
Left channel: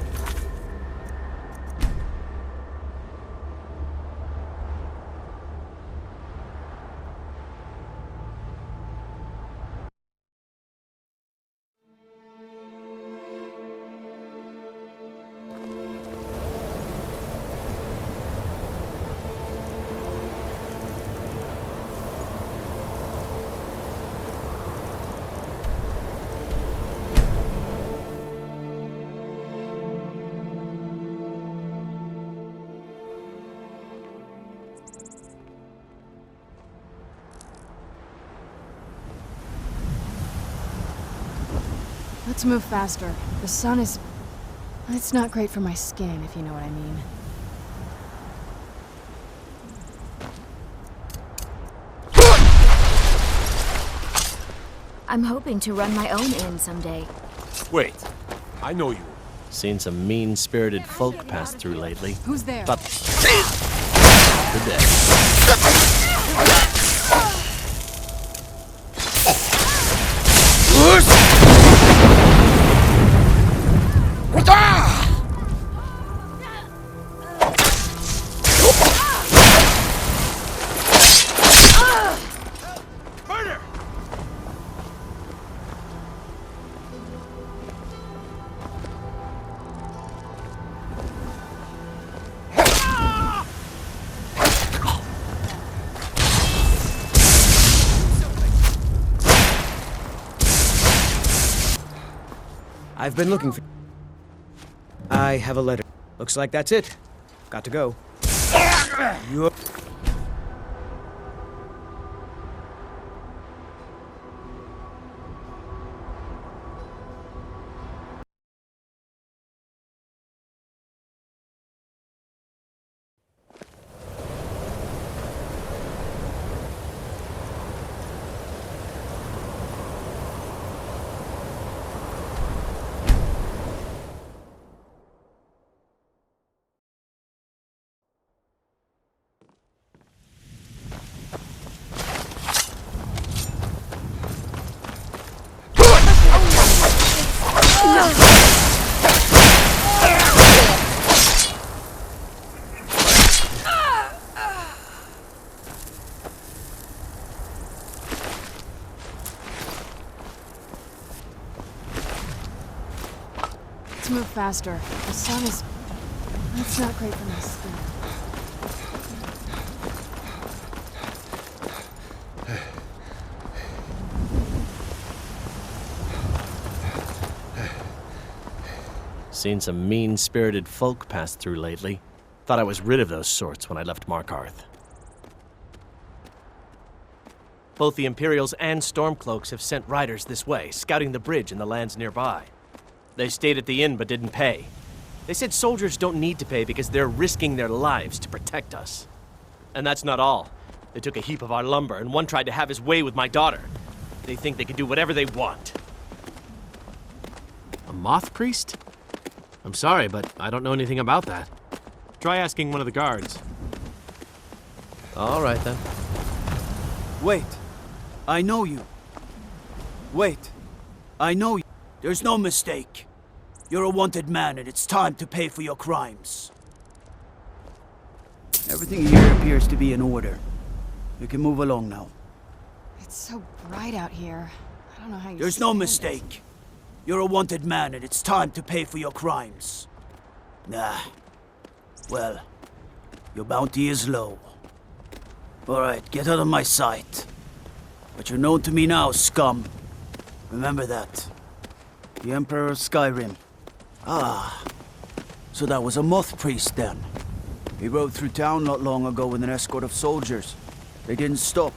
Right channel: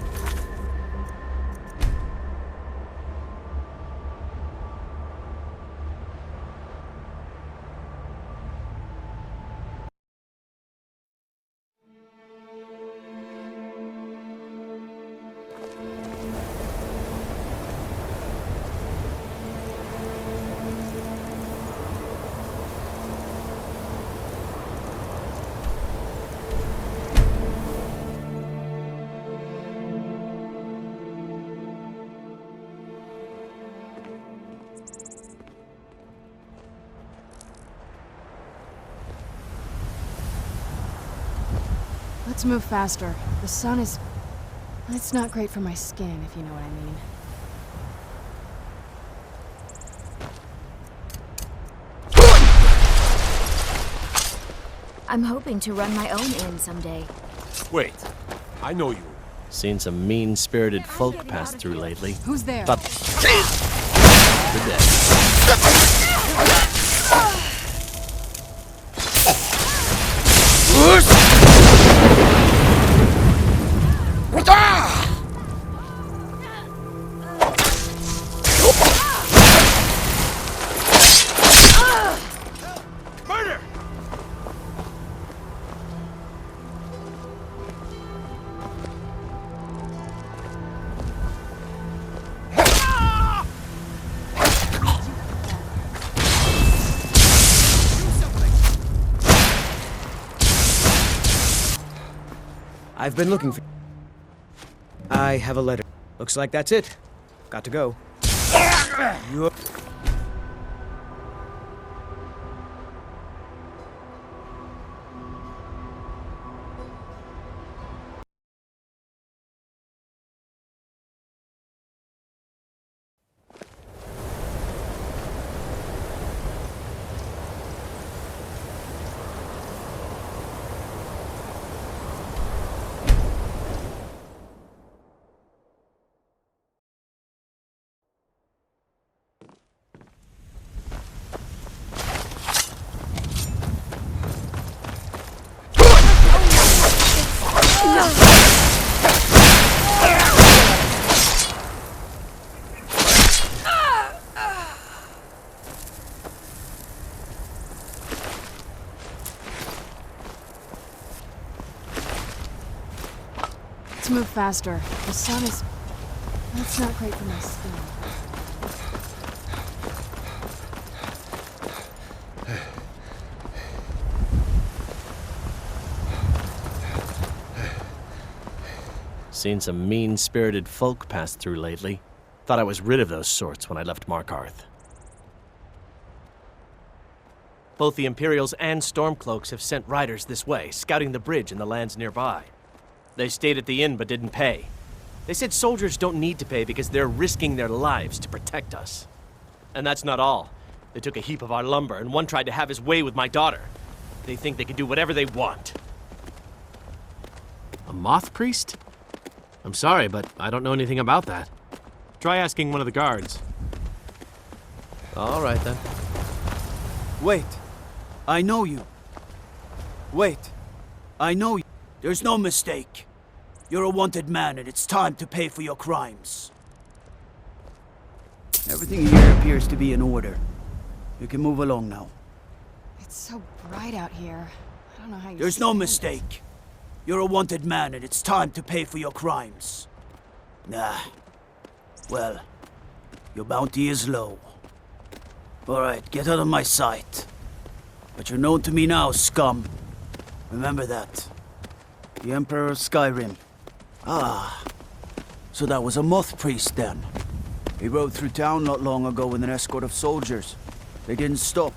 Let's move faster. The sun is... It's not great for my skin, if you know what I mean. I'm hoping to run my own inn someday. Wait, I know you. Seen some mean-spirited folk pass through lately. Who's there? But the dead. Murder! I've been looking for... I have a letter. Looks like that's it. Got to go. You... Let's move faster. The sun is... It's not great for my skin. Seen some mean-spirited folk pass through lately. Thought I was rid of those sorts when I left Markarth. Both the Imperials and Stormcloaks have sent riders this way, scouting the bridge and the lands nearby. They stayed at the inn but didn't pay. They said soldiers don't need to pay because they're risking their lives to protect us. And that's not all. They took a heap of our lumber, and one tried to have his way with my daughter. They think they can do whatever they want. A moth priest? I'm sorry, but I don't know anything about that. Try asking one of the guards. All right, then. Wait. I know you. Wait. I know you. There's no mistake. You're a wanted man, and it's time to pay for your crimes. Everything here appears to be in order. You can move along now. It's so bright out here. I don't know how you There's no stand mistake. You're a wanted man, and it's time to pay for your crimes. Nah. Well, your bounty is low. All right, get out of my sight. But you're known to me now, scum. Remember that. The Emperor of Skyrim. Ah. So that was a moth priest then. He rode through town not long ago with an escort of soldiers. They didn't stop.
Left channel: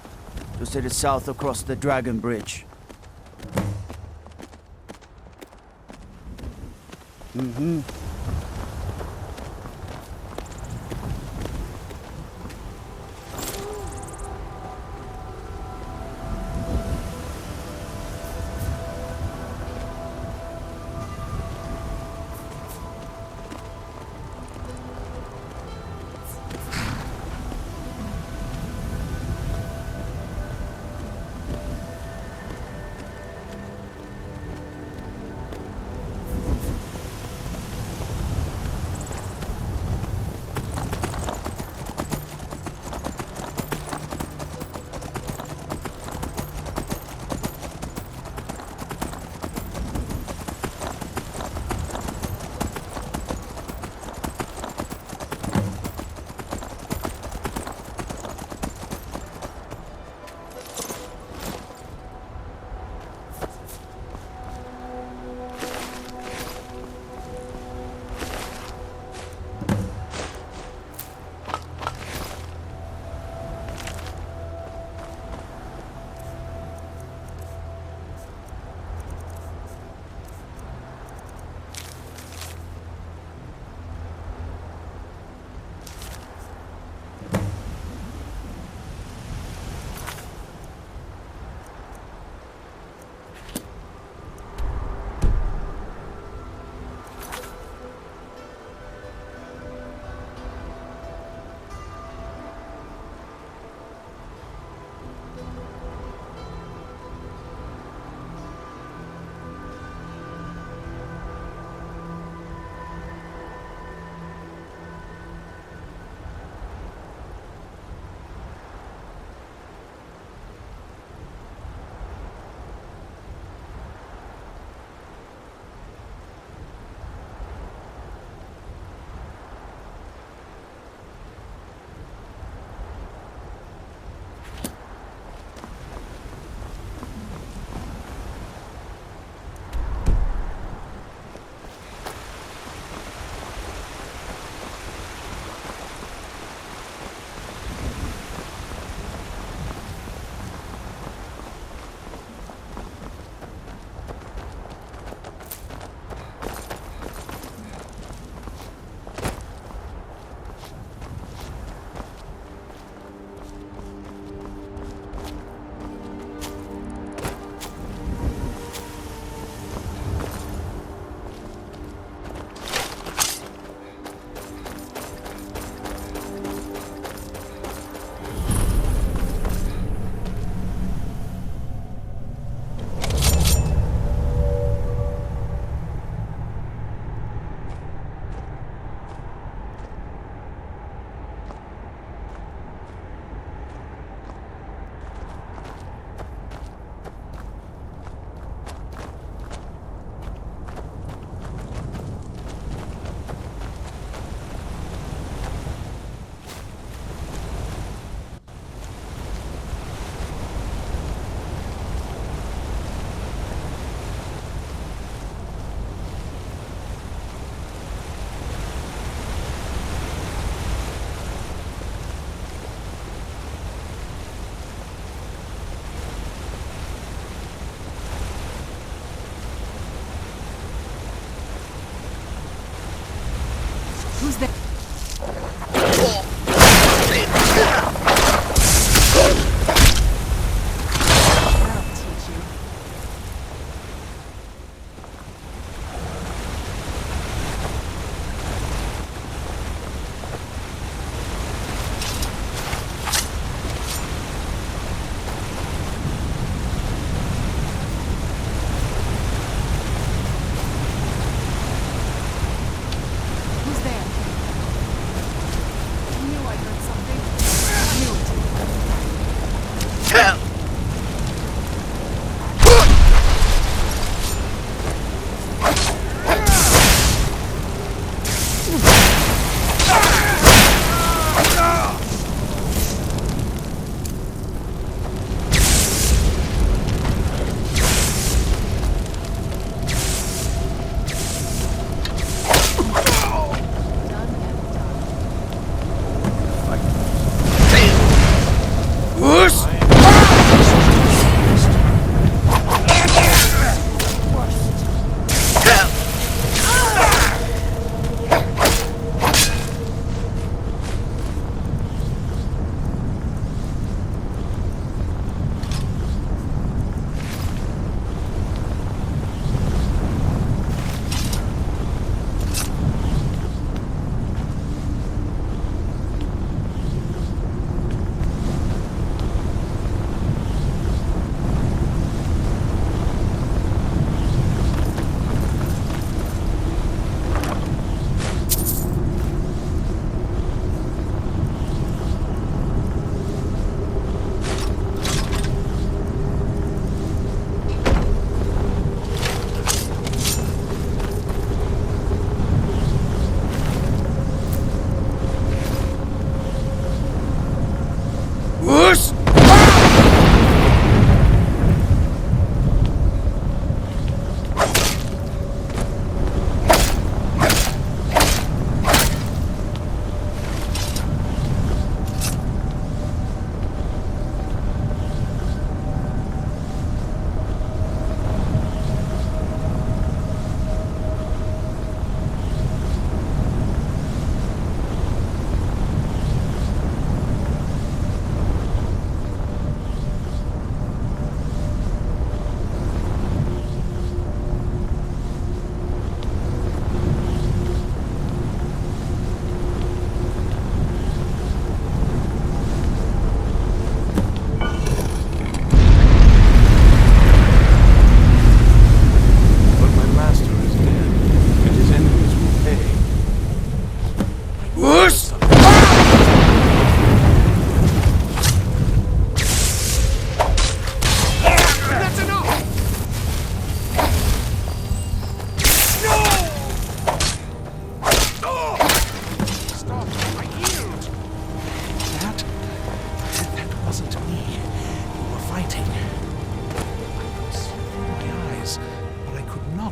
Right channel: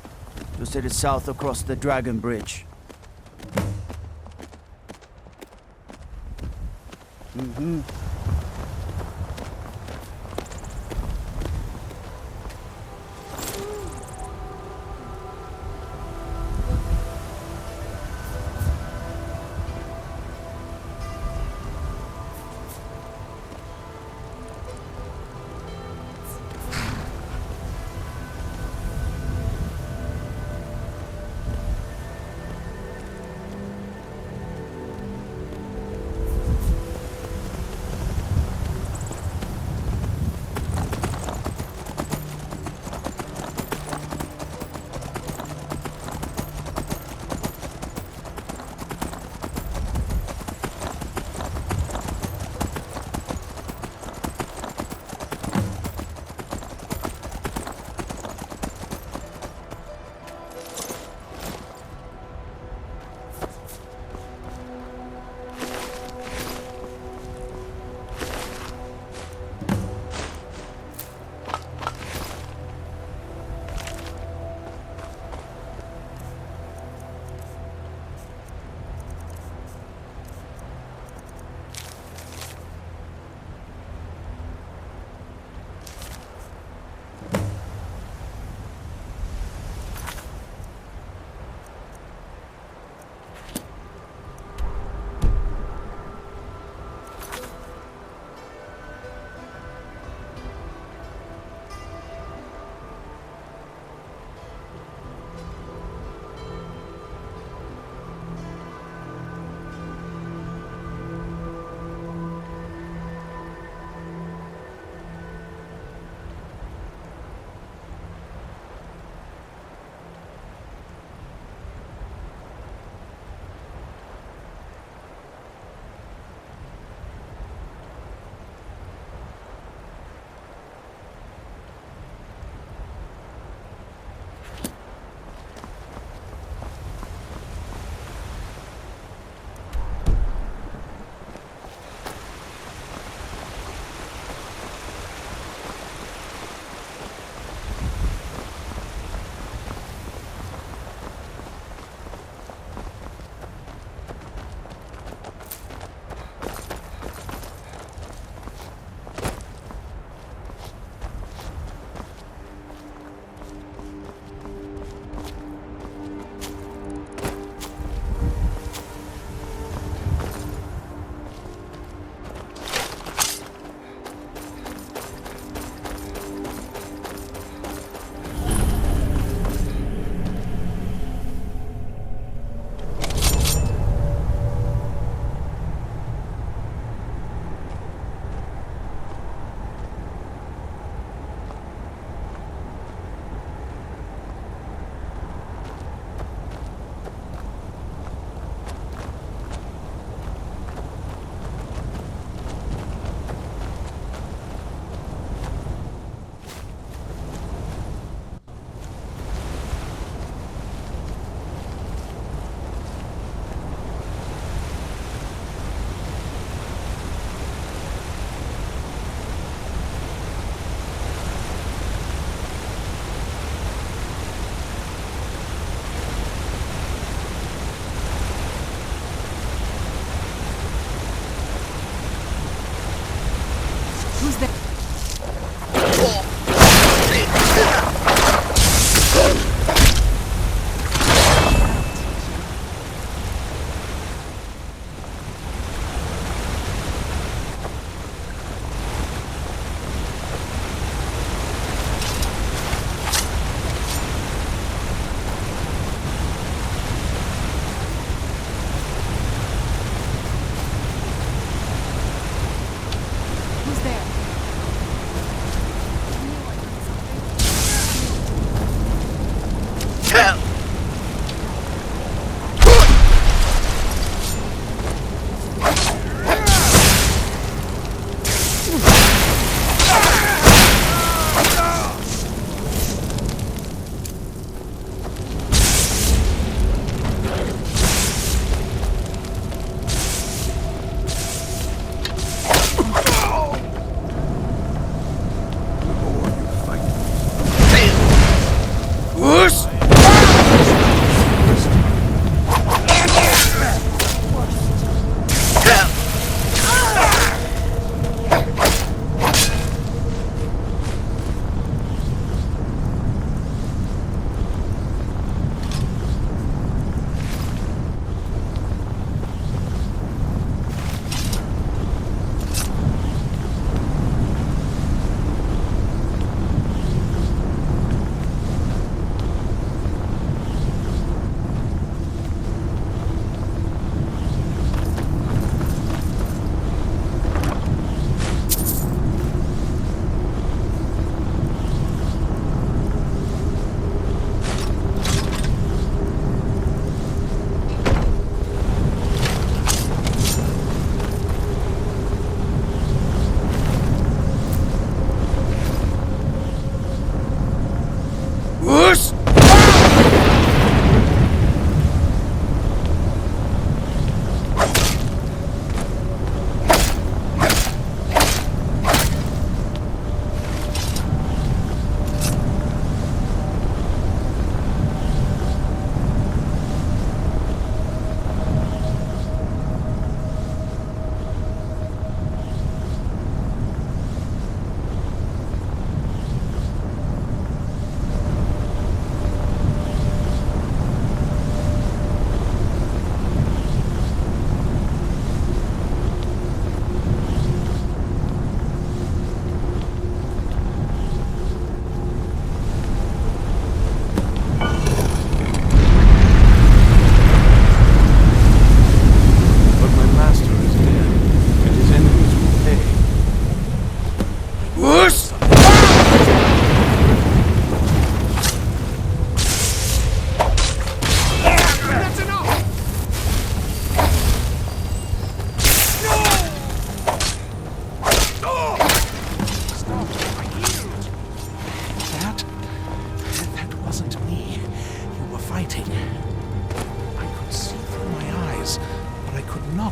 Just headed south across the Dragon Bridge. Mm-hmm.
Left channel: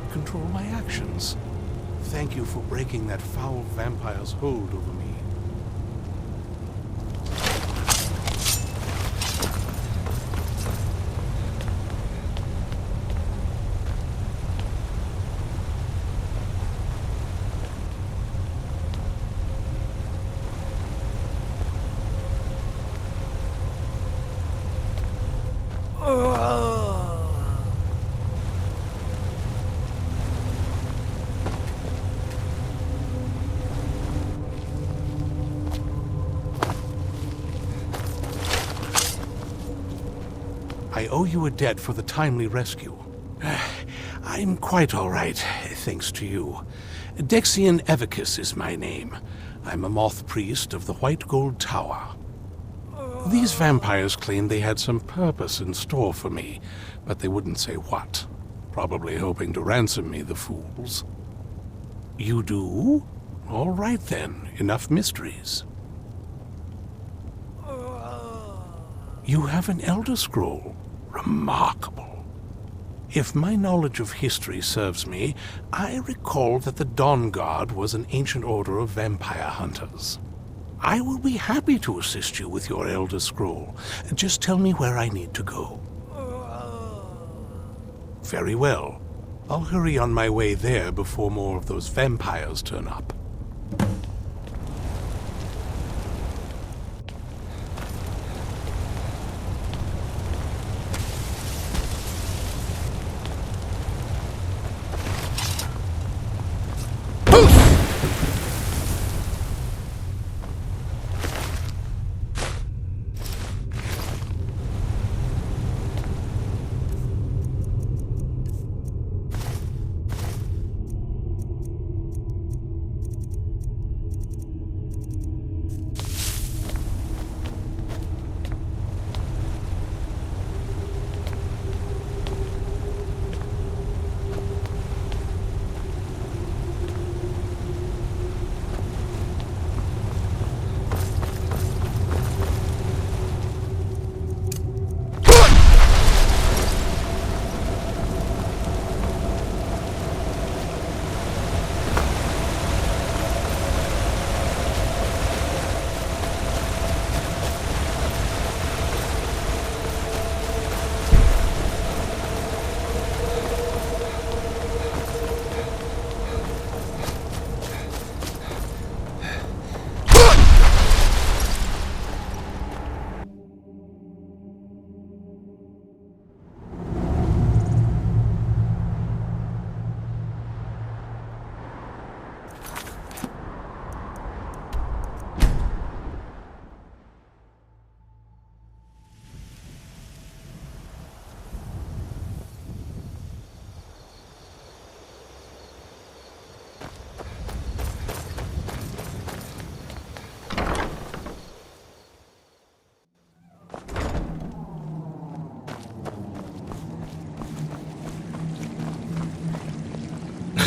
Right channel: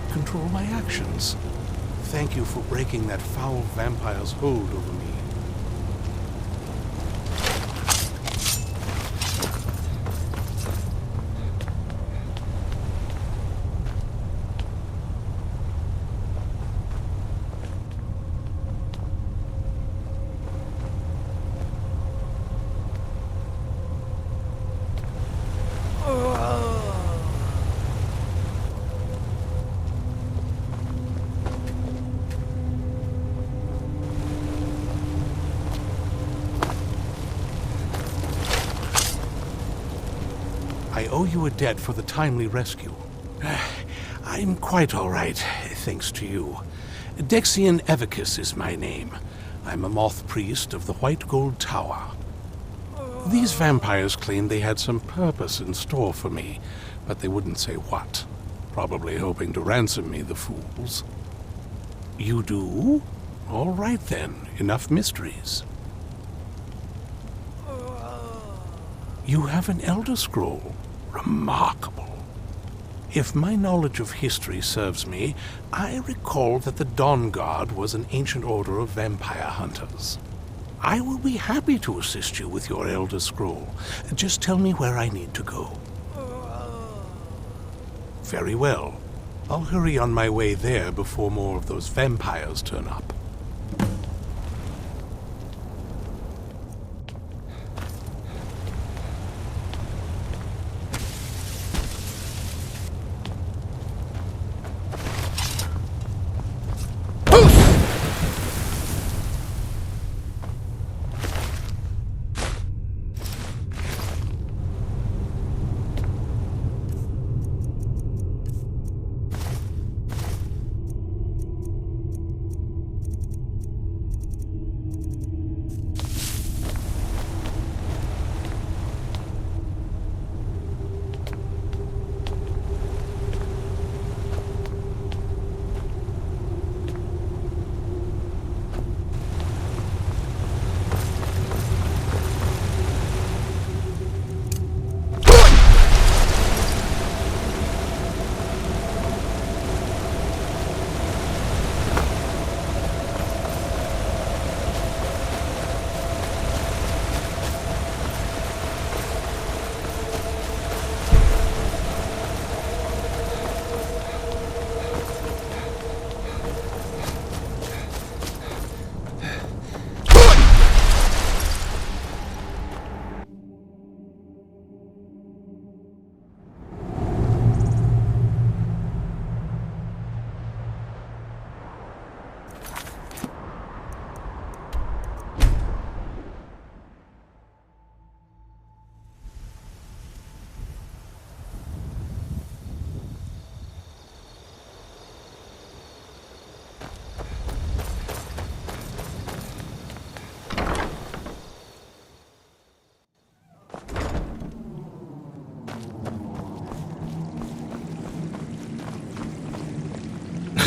cannot control my actions. Thank you for breaking that foul vampire's hold over me. I owe you a debt for the timely rescue. I'm quite all right, thanks to you. Dexian Evicus is my name. I'm a moth priest of the White Gold Tower. These vampires claimed they had some purpose in store for me, but they wouldn't say what. Probably hoping to ransom me, the fools. You do? All right then, enough mysteries. You have an Elder Scroll. Remarkable. If my knowledge of history serves me, I recall that the Dawn Guard was an ancient order of vampire hunters. I will be happy to assist you with your Elder Scroll. Just tell me where I need to go. Very well. I'll hurry on my way there before more of those vampires turn up.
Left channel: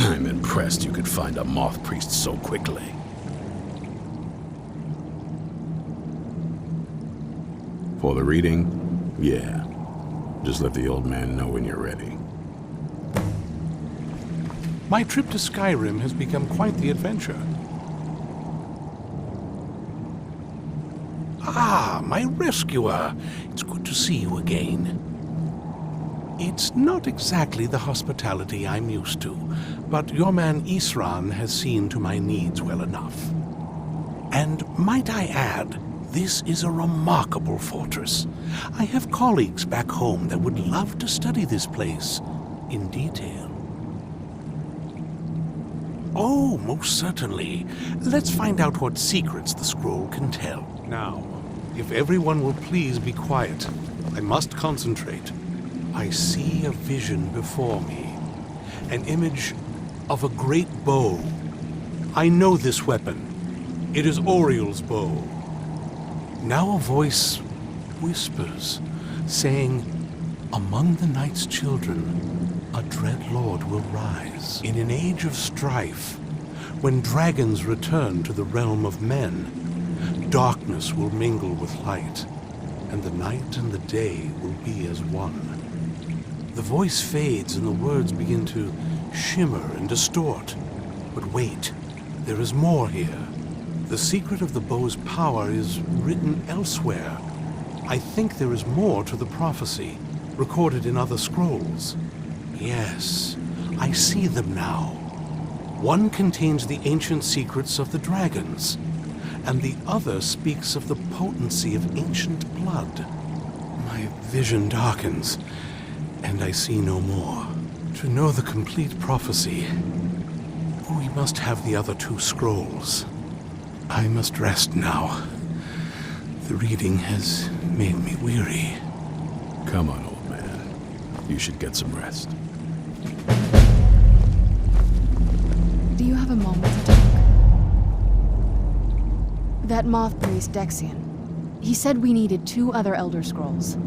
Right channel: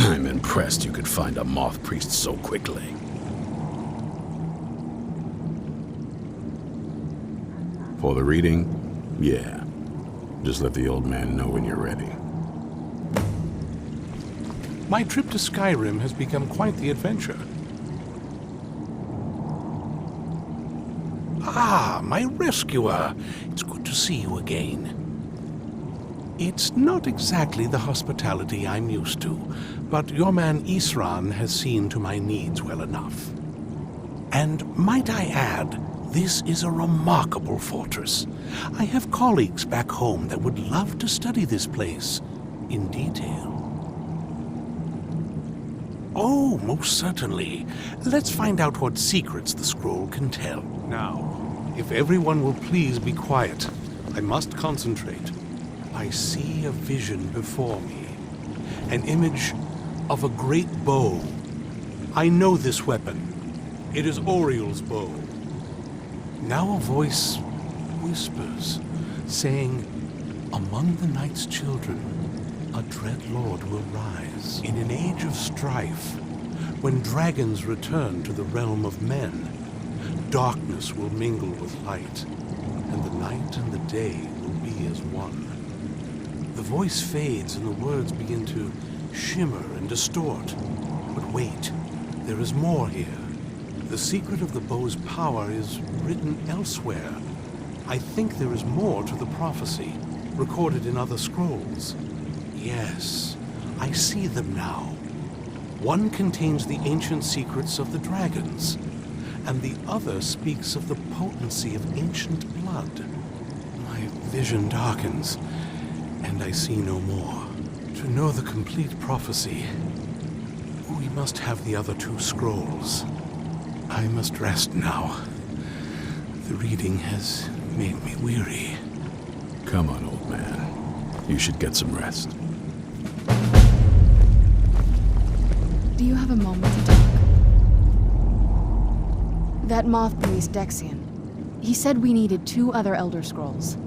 I'm impressed you could find a moth priest so quickly. For the reading? Yeah. Just let the old man know when you're ready. My trip to Skyrim has become quite the adventure. Ah, my rescuer. It's good to see you again. It's not exactly the hospitality I'm used to, but your man Isran has seen to my needs well enough. And might I add, this is a remarkable fortress. I have colleagues back home that would love to study this place in detail. Oh, most certainly. Let's find out what secrets the scroll can tell. Now, if everyone will please be quiet, I must concentrate. I see a vision before me, an image of a great bow. I know this weapon. It is Oriel's bow. Now a voice whispers, saying, "Among the night's children, a dread lord will rise. In an age of strife, when dragons return to the realm of men, darkness will mingle with light, and the night and the day will be as one." The voice fades and the words begin to shimmer and distort. But wait, there is more here. The secret of the bow's power is written elsewhere. I think there is more to the prophecy, recorded in other scrolls. Yes, I see them now. One contains the ancient secrets of the dragons, and the other speaks of the potency of ancient blood. My vision darkens, and I see no more. To know the complete prophecy, we must have the other two scrolls. I must rest now. The reading has made me weary. Come on, old man. You should get some rest. Do you have a moment to talk? That moth priest, Dexian. He said we needed 2 other Elder Scrolls.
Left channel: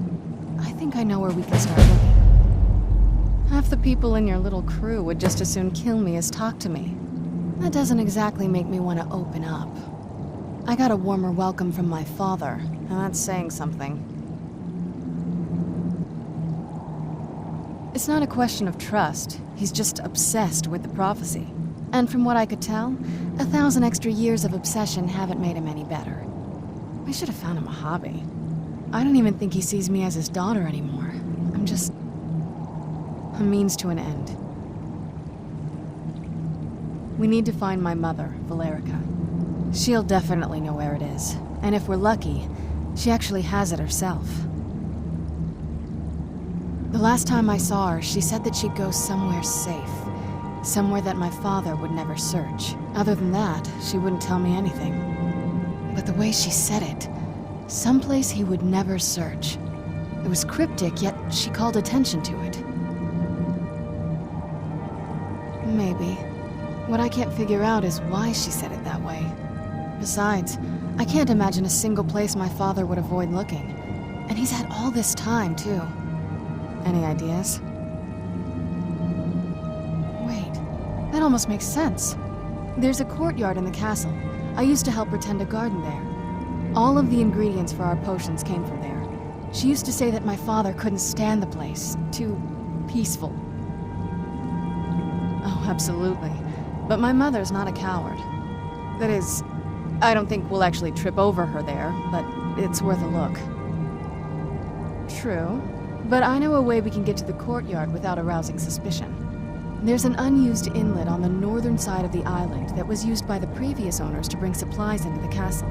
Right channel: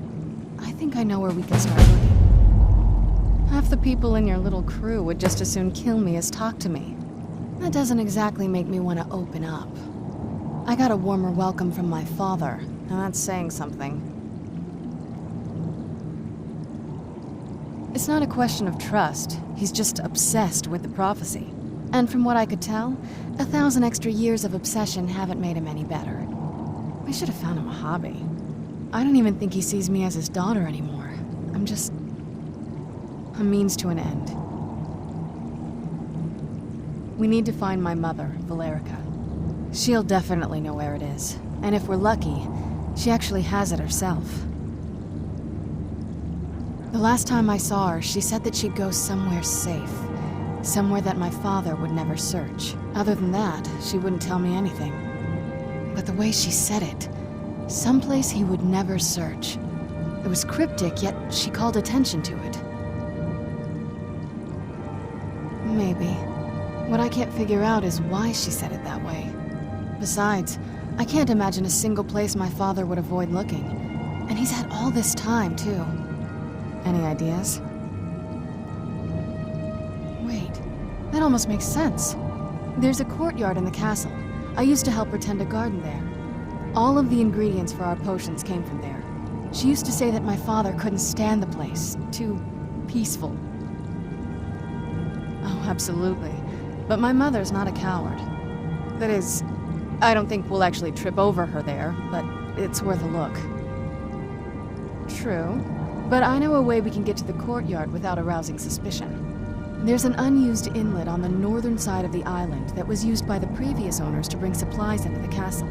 I think I know where we can start looking. Half the people in your little crew would just as soon kill me as talk to me. That doesn't exactly make me want to open up. I got a warmer welcome from my father, and that's saying something. It's not a question of trust. He's just obsessed with the prophecy. And from what I could tell, 1,000 extra years of obsession haven't made him any better. I should have found him a hobby. I don't even think he sees me as his daughter anymore. I'm just a means to an end. We need to find my mother, Valerica. She'll definitely know where it is. And if we're lucky, she actually has it herself. The last time I saw her, she said that she'd go somewhere safe. Somewhere that my father would never search. Other than that, she wouldn't tell me anything. But the way she said it, someplace he would never search. It was cryptic, yet she called attention to it. Maybe. What I can't figure out is why she said it that way. Besides, I can't imagine a single place my father would avoid looking. And he's had all this time, too. Any ideas? Wait, that almost makes sense. There's a courtyard in the castle. I used to help her tend a garden there. All of the ingredients for our potions came from there. She used to say that my father couldn't stand the place. Too peaceful. Oh, absolutely. But my mother's not a coward. That is, I don't think we'll actually trip over her there, but it's worth a look. True. But I know a way we can get to the courtyard without arousing suspicion. There's an unused inlet on the northern side of the island that was used by the previous owners to bring supplies into the castle.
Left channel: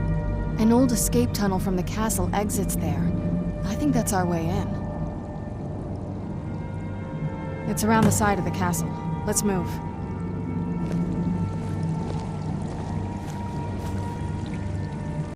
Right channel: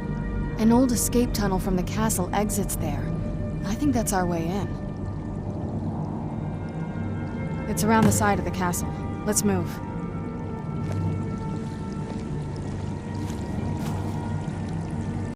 An old escape tunnel from the castle exits there. I think that's our way in. It's around the side of the castle. Let's move.